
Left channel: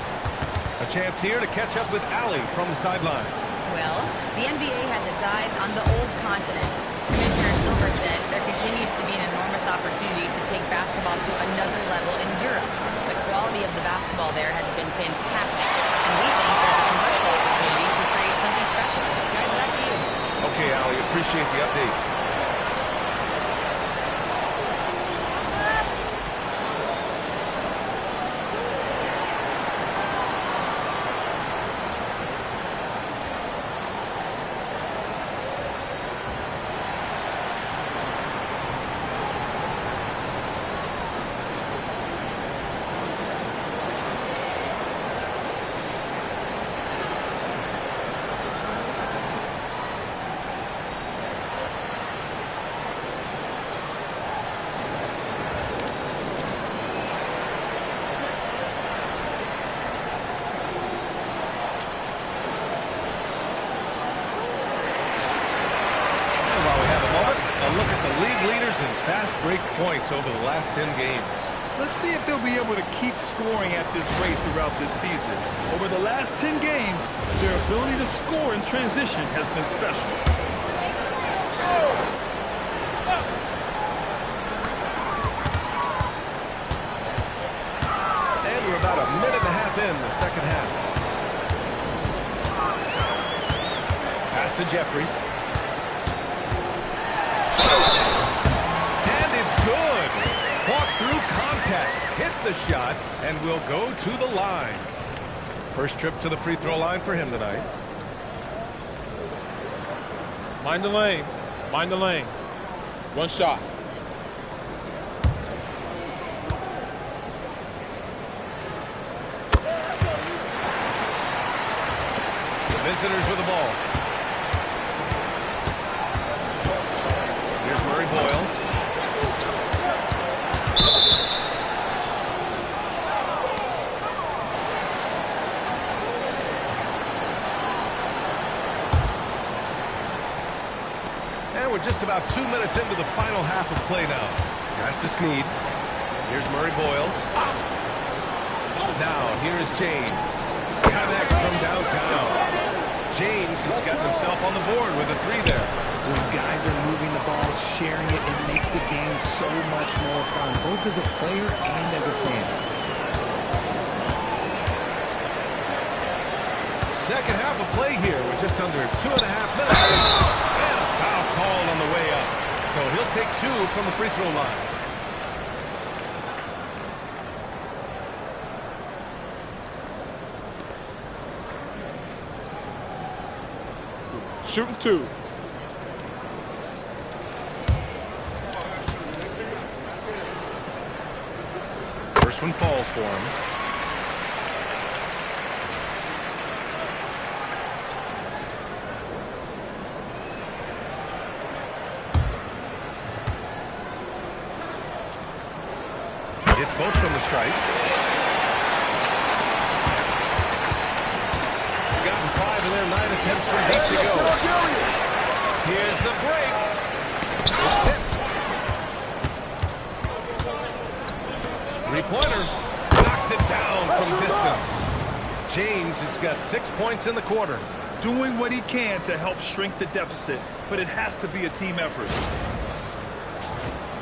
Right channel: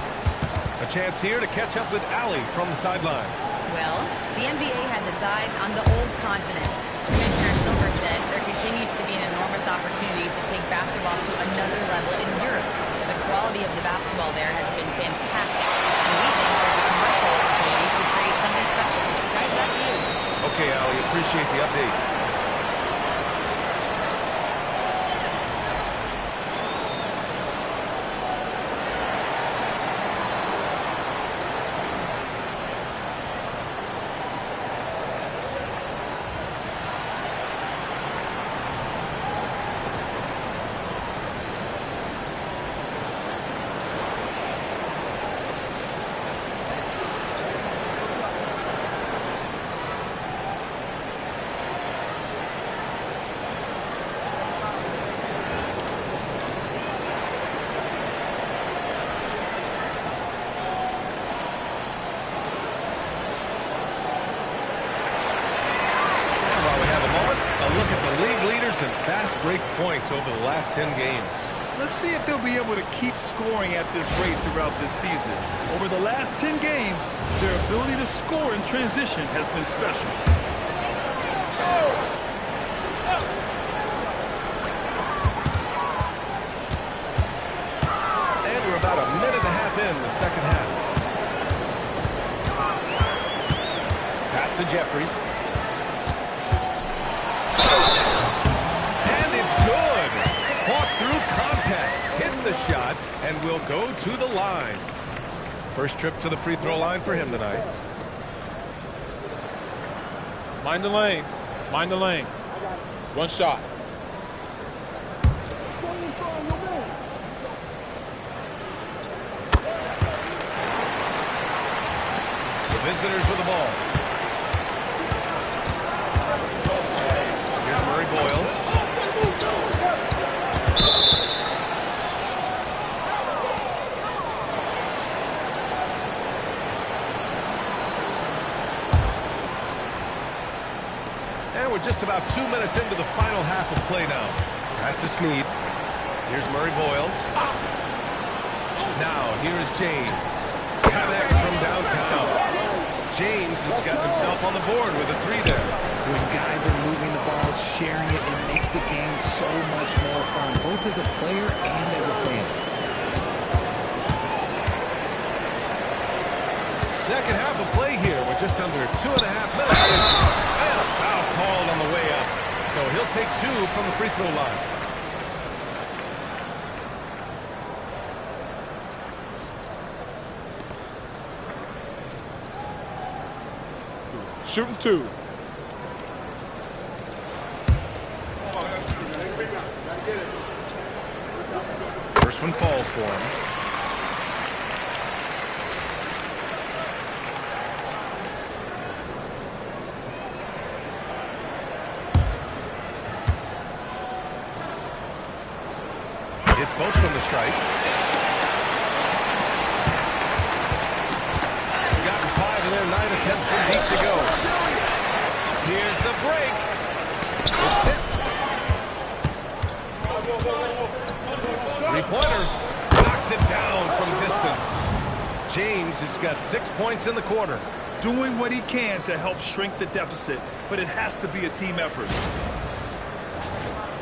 A chance here to catch up with Allie from the sideline. Well, the NBA has its eyes on the old continent. Commissioner Silver said there continues to be an enormous opportunity to take basketball to another level in Europe. The quality of the basketball there has been fantastic, and we think there's a commercial opportunity to create something special. Guys, back to you. Okay, Allie, appreciate the update. A look at the league leaders in fast break points over the last 10 games. Let's see if they'll be able to keep scoring at this rate throughout this season. Over the last 10 games, their ability to score in transition has been special. And we're about a minute and a half in the second half. Pass to Jeffries. And it's good. Fought through contact, hit the shot, and will go to the line. First trip to the free throw line for him tonight. Mind the lanes. Mind the lanes. One shot. The visitors with the ball. Here's Murray Boyles. And we're just about 2 minutes into the final half of play now. Pass to Snead. Here's Murray Boyles. Now, here's James. Connects from downtown. James has gotten himself on the board with a three there. When guys are moving the ball, sharing it, it makes the game so much more fun, both as a player and as a fan. Second half of play here with just under 2.5 minutes. And a foul called on the way up. So he'll take two from the free throw line. Shooting two. First one falls for him. It's both from the stripe. Gotten 5 in their 9 attempts from deep to go. Here's the break. It's tipped. Three-pointer. Knocks it down from distance. James has got 6 points in the quarter. Doing what he can to help shrink the deficit, but it has to be a team effort.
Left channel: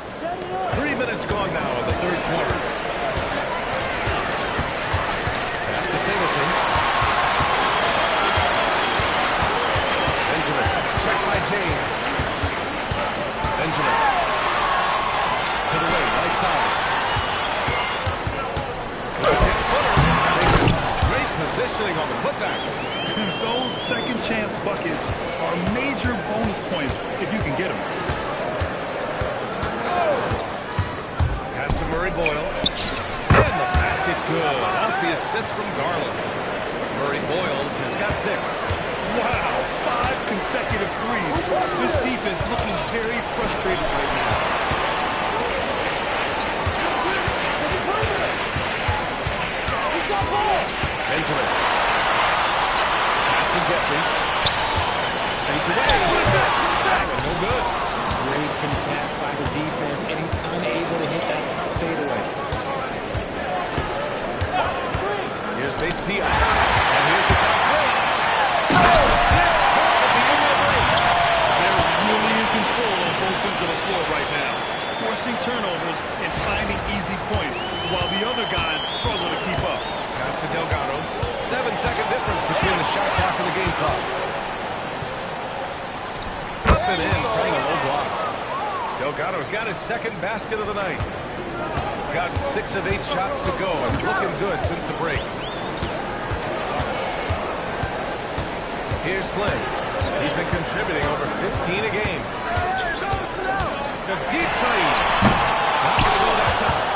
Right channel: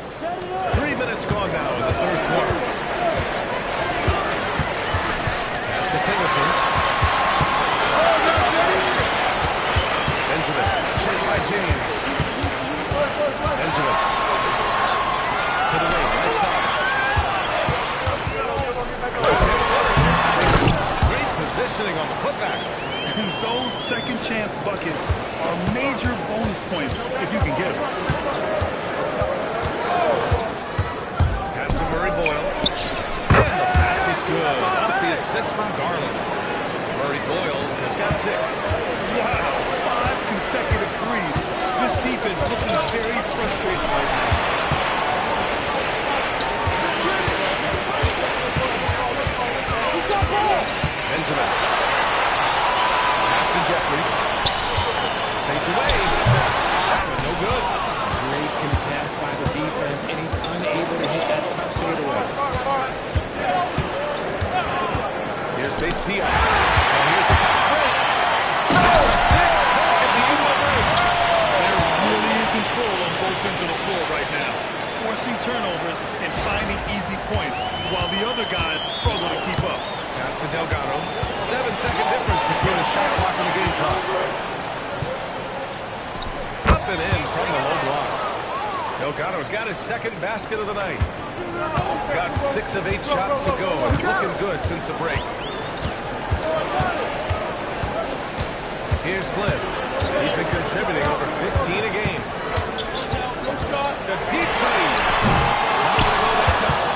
3 minutes gone now in the third quarter. Pass to Singleton. Benjamin, checked by James. Benjamin. To the wing, right side. With a 10-footer. Great positioning on the putback. Those second chance buckets are major bonus points if you can get them. Pass to Murray Boyles. And the basket's good. Off the assist from Garland. Murray Boyles has got 6. Wow, 5 consecutive threes. This defense looking very frustrated right now. He's got ball. Benjamin. Pass to Jeffries. Fades away. That one no good. Great contest by the defense, and he's unable to hit that tough fadeaway. Here's Bates Diaz. And here's the fast break. Oh, big dunk at the end of the break. They're really in control on both ends of the floor right now, forcing turnovers and finding easy points, while the other guys struggle to keep up. Pass to Delgado. 7-second difference between the shot clock and the game clock. Up and in from the low block. Delgado's got his second basket of the night. Gotten 6 of 8 shots to go and looking good since the break. Here's Slim. He's been contributing over 15 a game. The deep three. Not going to go that time.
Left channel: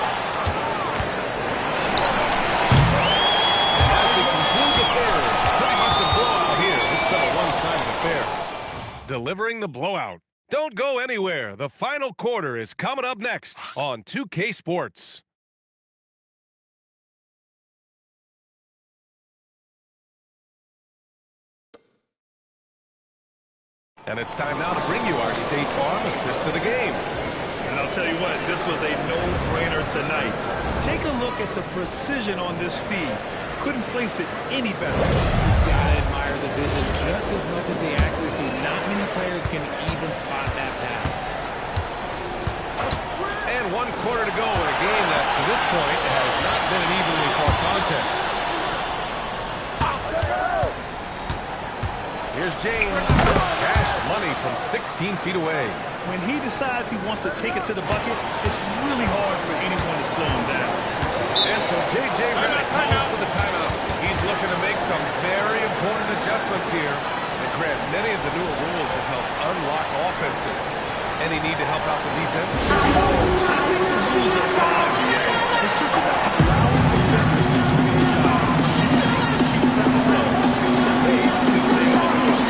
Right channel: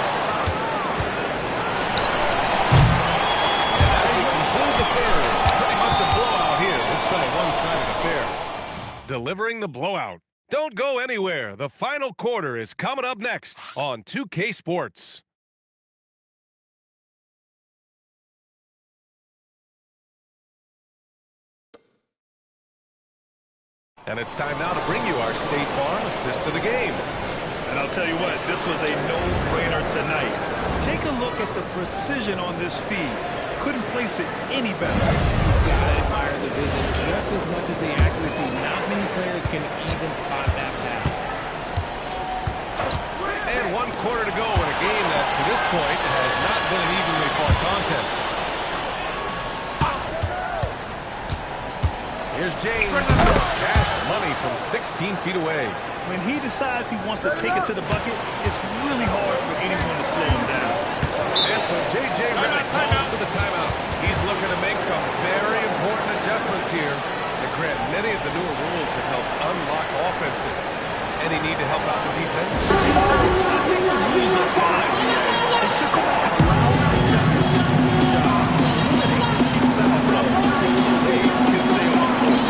And as we conclude the third, pretty much a blowout here. It's been a one-sided affair. Delivering the blowout. Don't go anywhere. The final quarter is coming up next on 2K Sports. And it's time now to bring you our State Farm assist to the game. And I'll tell you what, this was a no-brainer tonight. Take a look at the precision on this feed. Couldn't place it any better. You've got to admire the vision just as much as the accuracy. Not many players can even spot that pass. And 1 quarter to go in a game that, to this point, has not been an evenly fought contest. Here's James. Cash money from 16 feet away. When he decides he wants to take it to the bucket, it's really hard for anyone to slow him down. And so J.J. Redick calls for the timeout. He's looking to make some very important adjustments here. And Grant, many of the newer rules have helped unlock offenses. Any need to help out the defense? I think the rules are fine, BA. It's just about allowing the defenders to do their job, limiting the cheap foul calls so they can stay on the floor.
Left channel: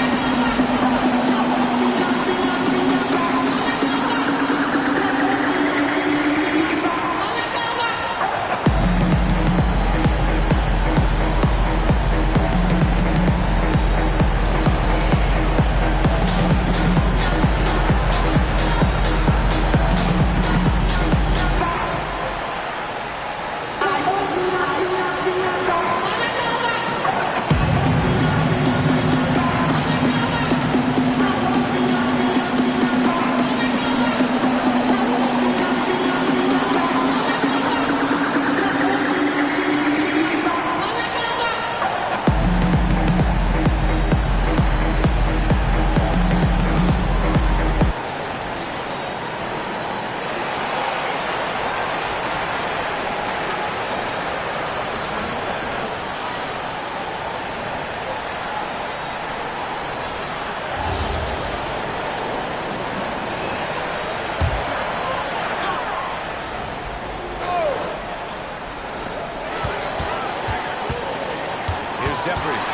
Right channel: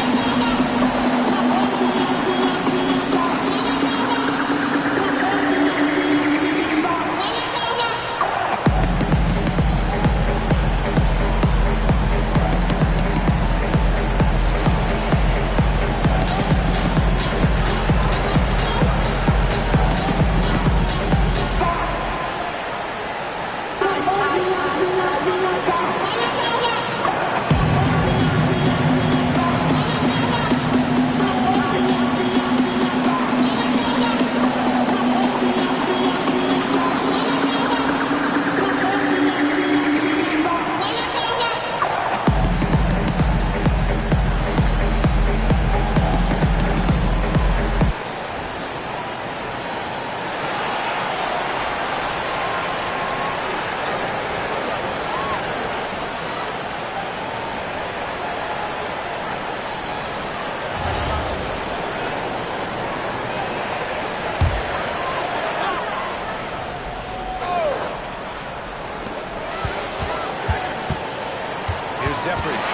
Jeffries.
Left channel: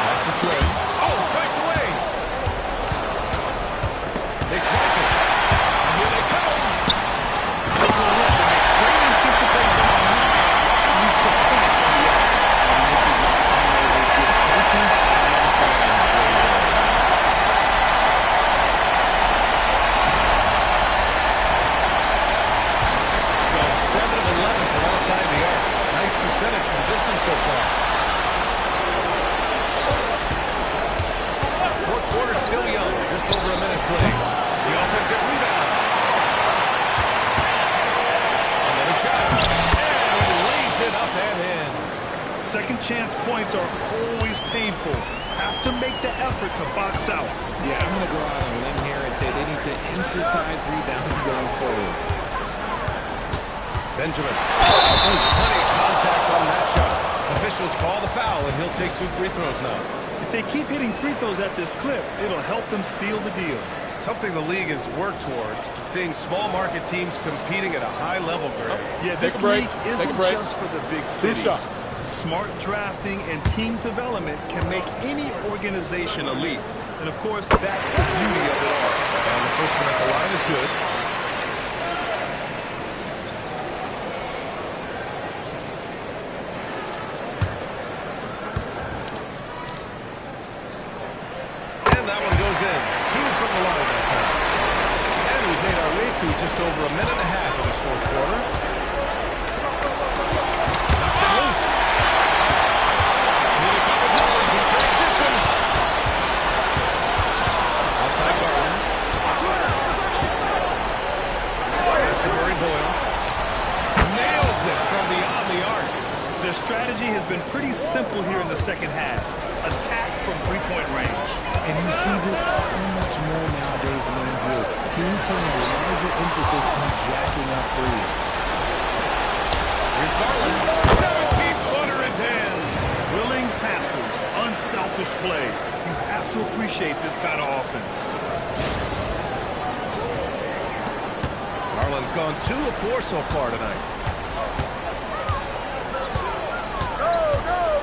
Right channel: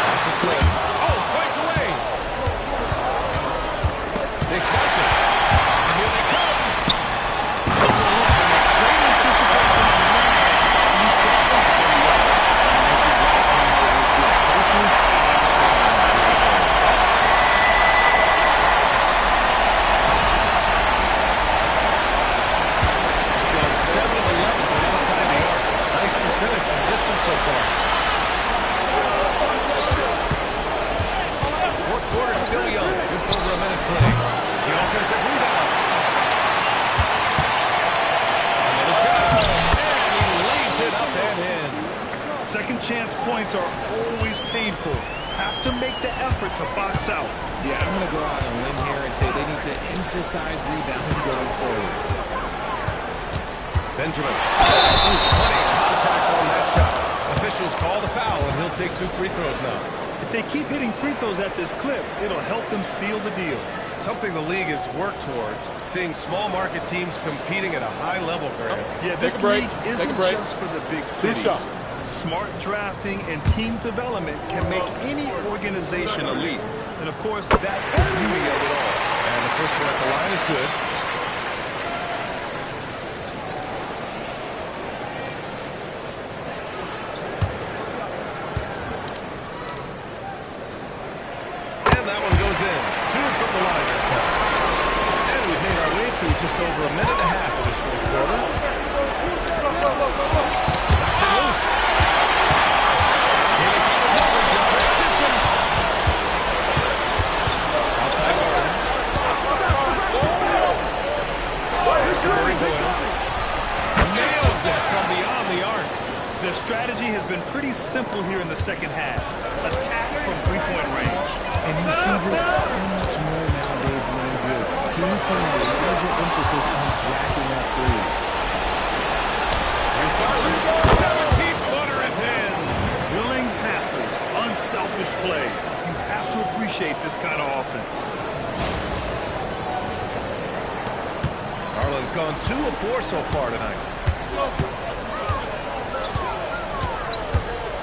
Pass to Slim. Oh, swiped away. They swipe it. And here they come. Great anticipation on one end leads to points on the other. And this is why turnovers give coaches and fans great work. Gone 7 of 11 from outside the arc. Nice percentage from distance so far. Fourth quarter still young. Just over a minute played. The offensive rebound. Another shot. And he lays it up and in. Second chance points are always painful. Have to make the effort to box out. Yeah, I'm going to go out on a limb here and say they need to emphasize rebounding going forward. Benjamin. Oh, plenty of contact on that shot. Officials call the foul, and he'll take 2 free throws now. If they keep hitting free throws at this clip, it'll help them seal the deal. Something the league has worked towards, seeing small market teams competing at a high level, Grant. Yeah, this league isn't just for the big cities. Smart drafting and team development can make any organization elite. And of course, that's the beauty of it all. And the first one at the line is good. is in. 2 from the line that time. And we've made our way through just over a minute and a half of this fourth quarter. Knocks it loose. Here they come with numbers in transition. Outside Garland. This is Murray Boyles. Nails it from beyond the arc. Their strategy has been pretty simple here in the second half. Attack from three-point range. And you see this so much more nowadays in the NBA. Teams putting a larger emphasis on jacking up threes. Here's Garland. 17-footer is in. Willing passers, unselfish play. You have to appreciate this kind of offense. Garland's gone 2 of 4 so far tonight.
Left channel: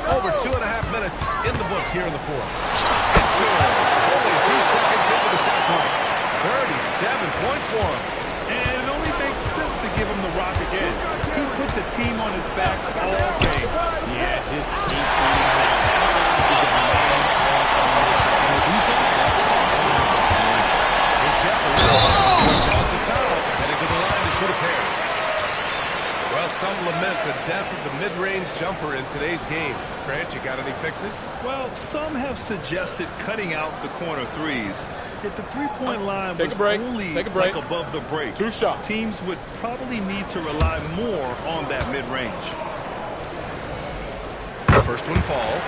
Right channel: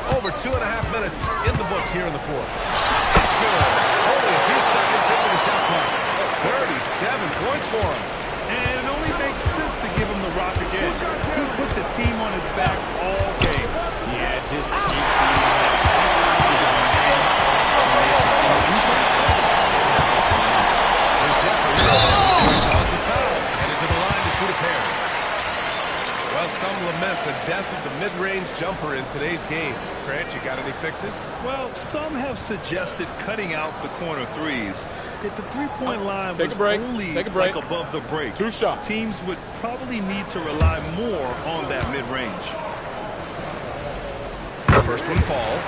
Over 2.5 minutes in the books here in the fourth. It's good. Only a few seconds into the shot clock. 37 points for him. And it only makes sense to give him the rock again. He put the team on his back all game. Yeah, just keep feeding him. That is a man on a mission. And the defense, well, they don't have much of an answer. Here's Jeffrey. Draws the foul. Headed to the line to shoot a pair. Well, some lament the death of the mid-range jumper in today's game. Grant, you got any fixes? Well, some have suggested cutting out the corner threes. If the three-point line Take was a break. only Take a break. like above the break, 2 shots. Teams would probably need to rely more on that mid-range. First one falls.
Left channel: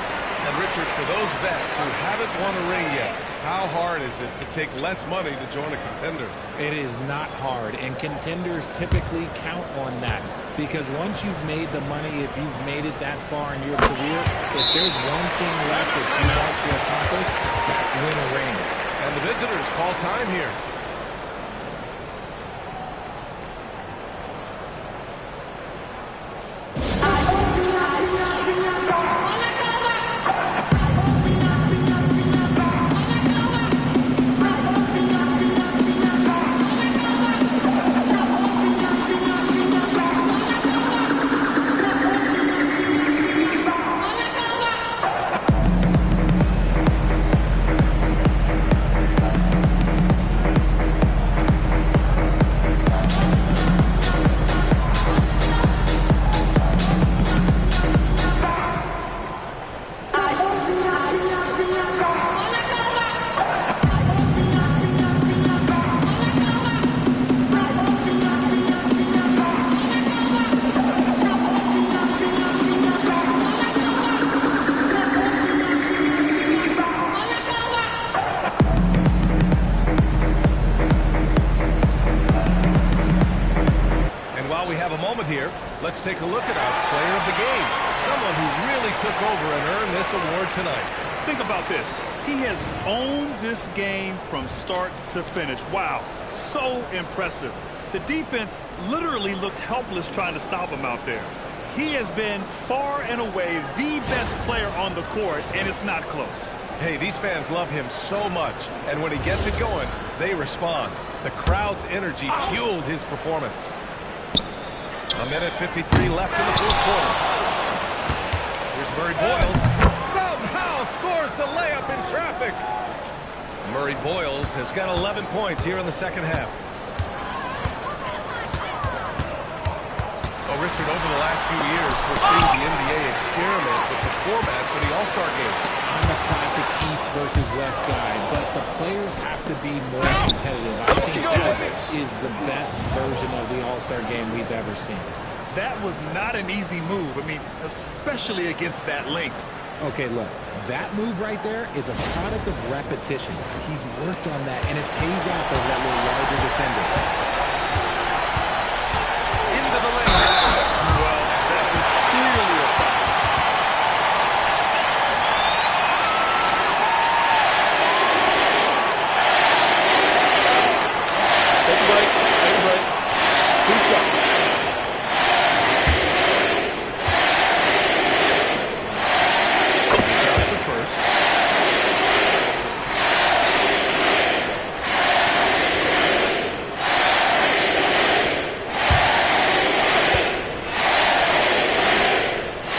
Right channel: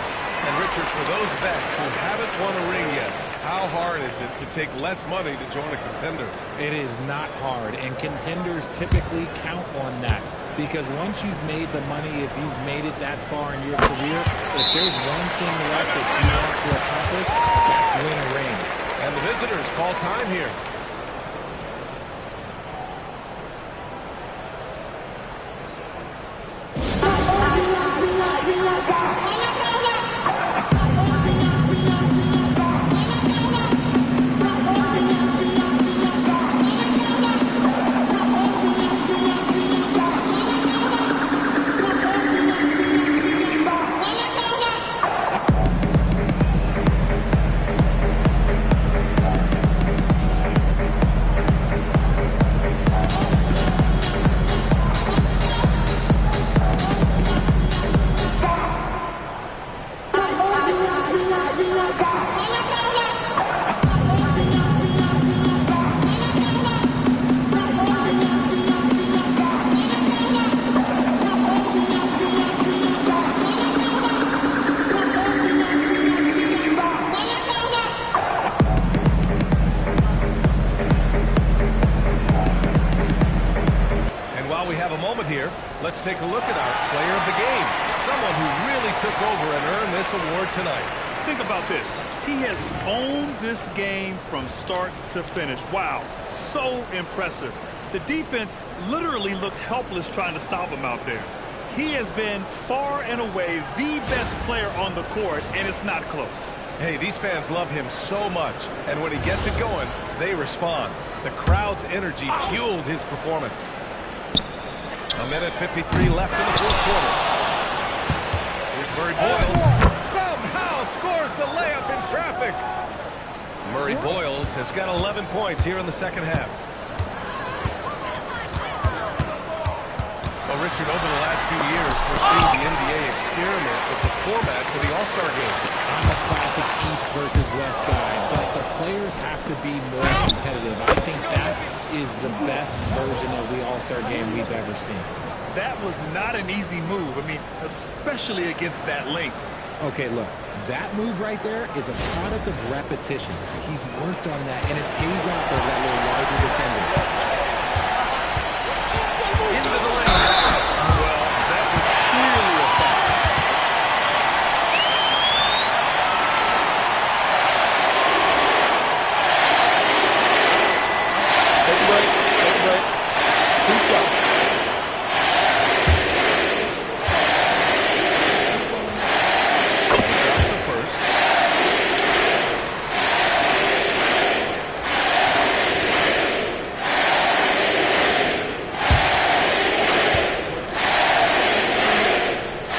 And Richard, for those vets who haven't won a ring yet, how hard is it to take less money to join a contender? It is not hard, and contenders typically count on that. Because once you've made the money, if you've made it that far in your career, if there's one thing left that you want to accomplish, that's win a ring. And the visitors call time here. Here, let's take a look at our player of the game. Someone who really took over and earned this award tonight. Think about this. He has owned this game from start to finish. Wow, so impressive. The defense literally looked helpless trying to stop him out there. He has been far and away the best player on the court, and it's not close. Hey, these fans love him so much, and when he gets it going, they respond. The crowd's energy fueled his performance. A minute 53 left in the fourth quarter. Here's Murray Boyles. Somehow scores the layup in traffic. Murray Boyles has got 11 points here in the second half. Well, Richard, over the last few years, we're seeing the NBA experiment with the format for the All-Star game. I'm a classic East versus West guy, but the players have to be more competitive. I think that is the best version of the All-Star game we've ever seen. That was not an easy move. I mean, especially against that length. Okay, look, that move right there is a product of repetition. He's worked on that, and it pays off over that little larger defender. Into the lane. Well, that was clearly a foul. Take a break. Take a break. 2 shots. Drops the first.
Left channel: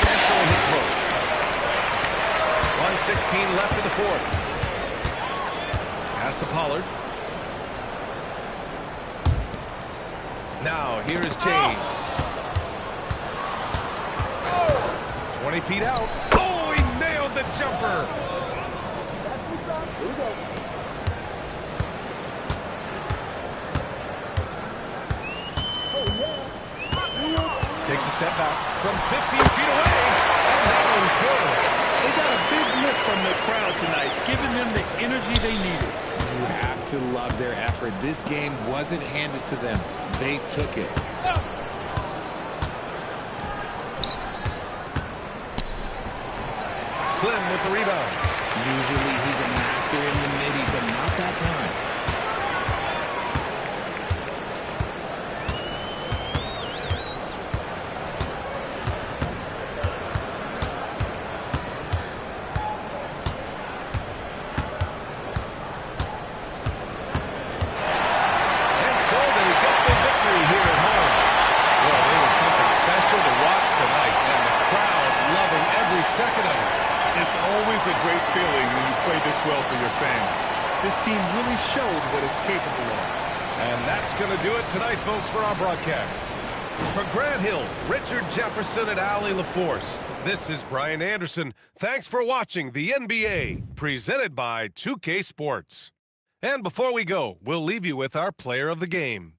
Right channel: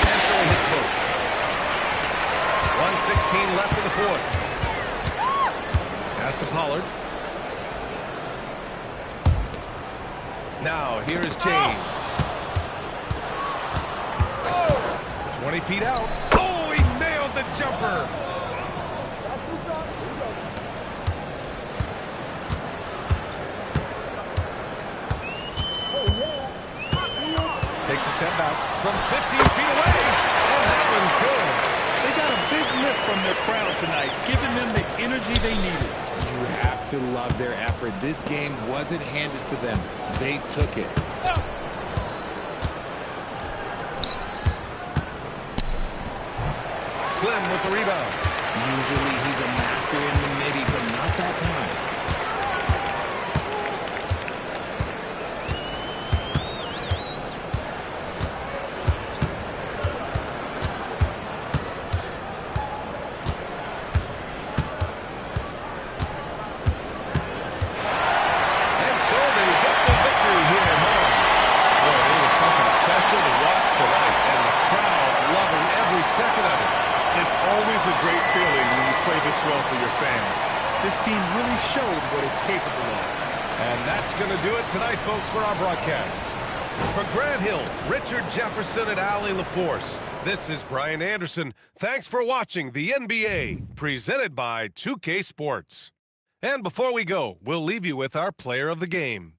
And so he hits both. 1:16 left in the fourth. Pass to Pollard. Now, here is James. 20 feet out. Oh, he nailed the jumper. Takes a step back from 15 feet away, and that one's good. They got a big lift from their crowd tonight, giving them the energy they needed. You have to love their effort. This game wasn't handed to them. They took it. Slim with the rebound. Usually he's a master in the midi, but not that time. To watch tonight, and the crowd loving every second of it. It's always a great feeling when you play this well for your fans. This team really showed what it's capable of. And that's going to do it tonight, folks, for our broadcast. For Grant Hill, Richard Jefferson, and Allie LaForce, this is Brian Anderson. Thanks for watching the NBA, presented by 2K Sports. And before we go, we'll leave you with our player of the game.